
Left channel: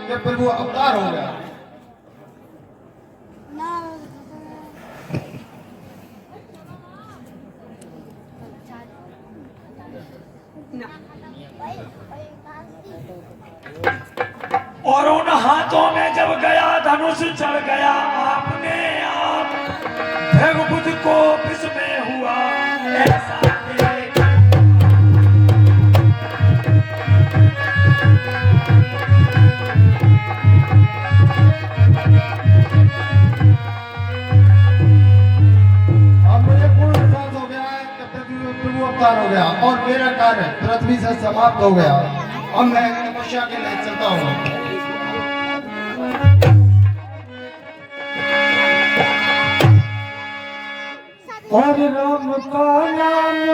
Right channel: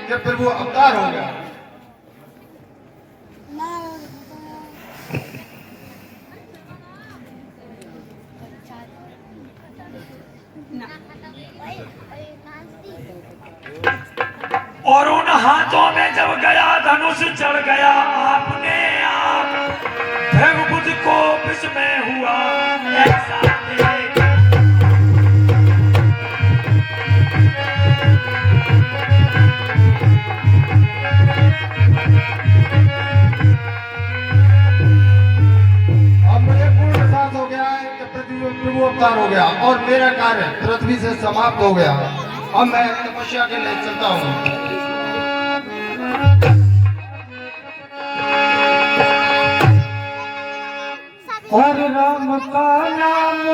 कि प्रभु अवतार हो गया। और उन हाथों में जब गया धनुष चढ़ गया आपने आप भृगुपुत्र को विस्मय हुआ ऐसा देख। अब मुझे पूर्ण विश्वास हो गया है कि प्रभु अवतार हो गया और मेरा कार्य पृथ्वी से समाप्त हो गया। अब मैं तपस्या के लिए चलता हूँ। और राम का नाम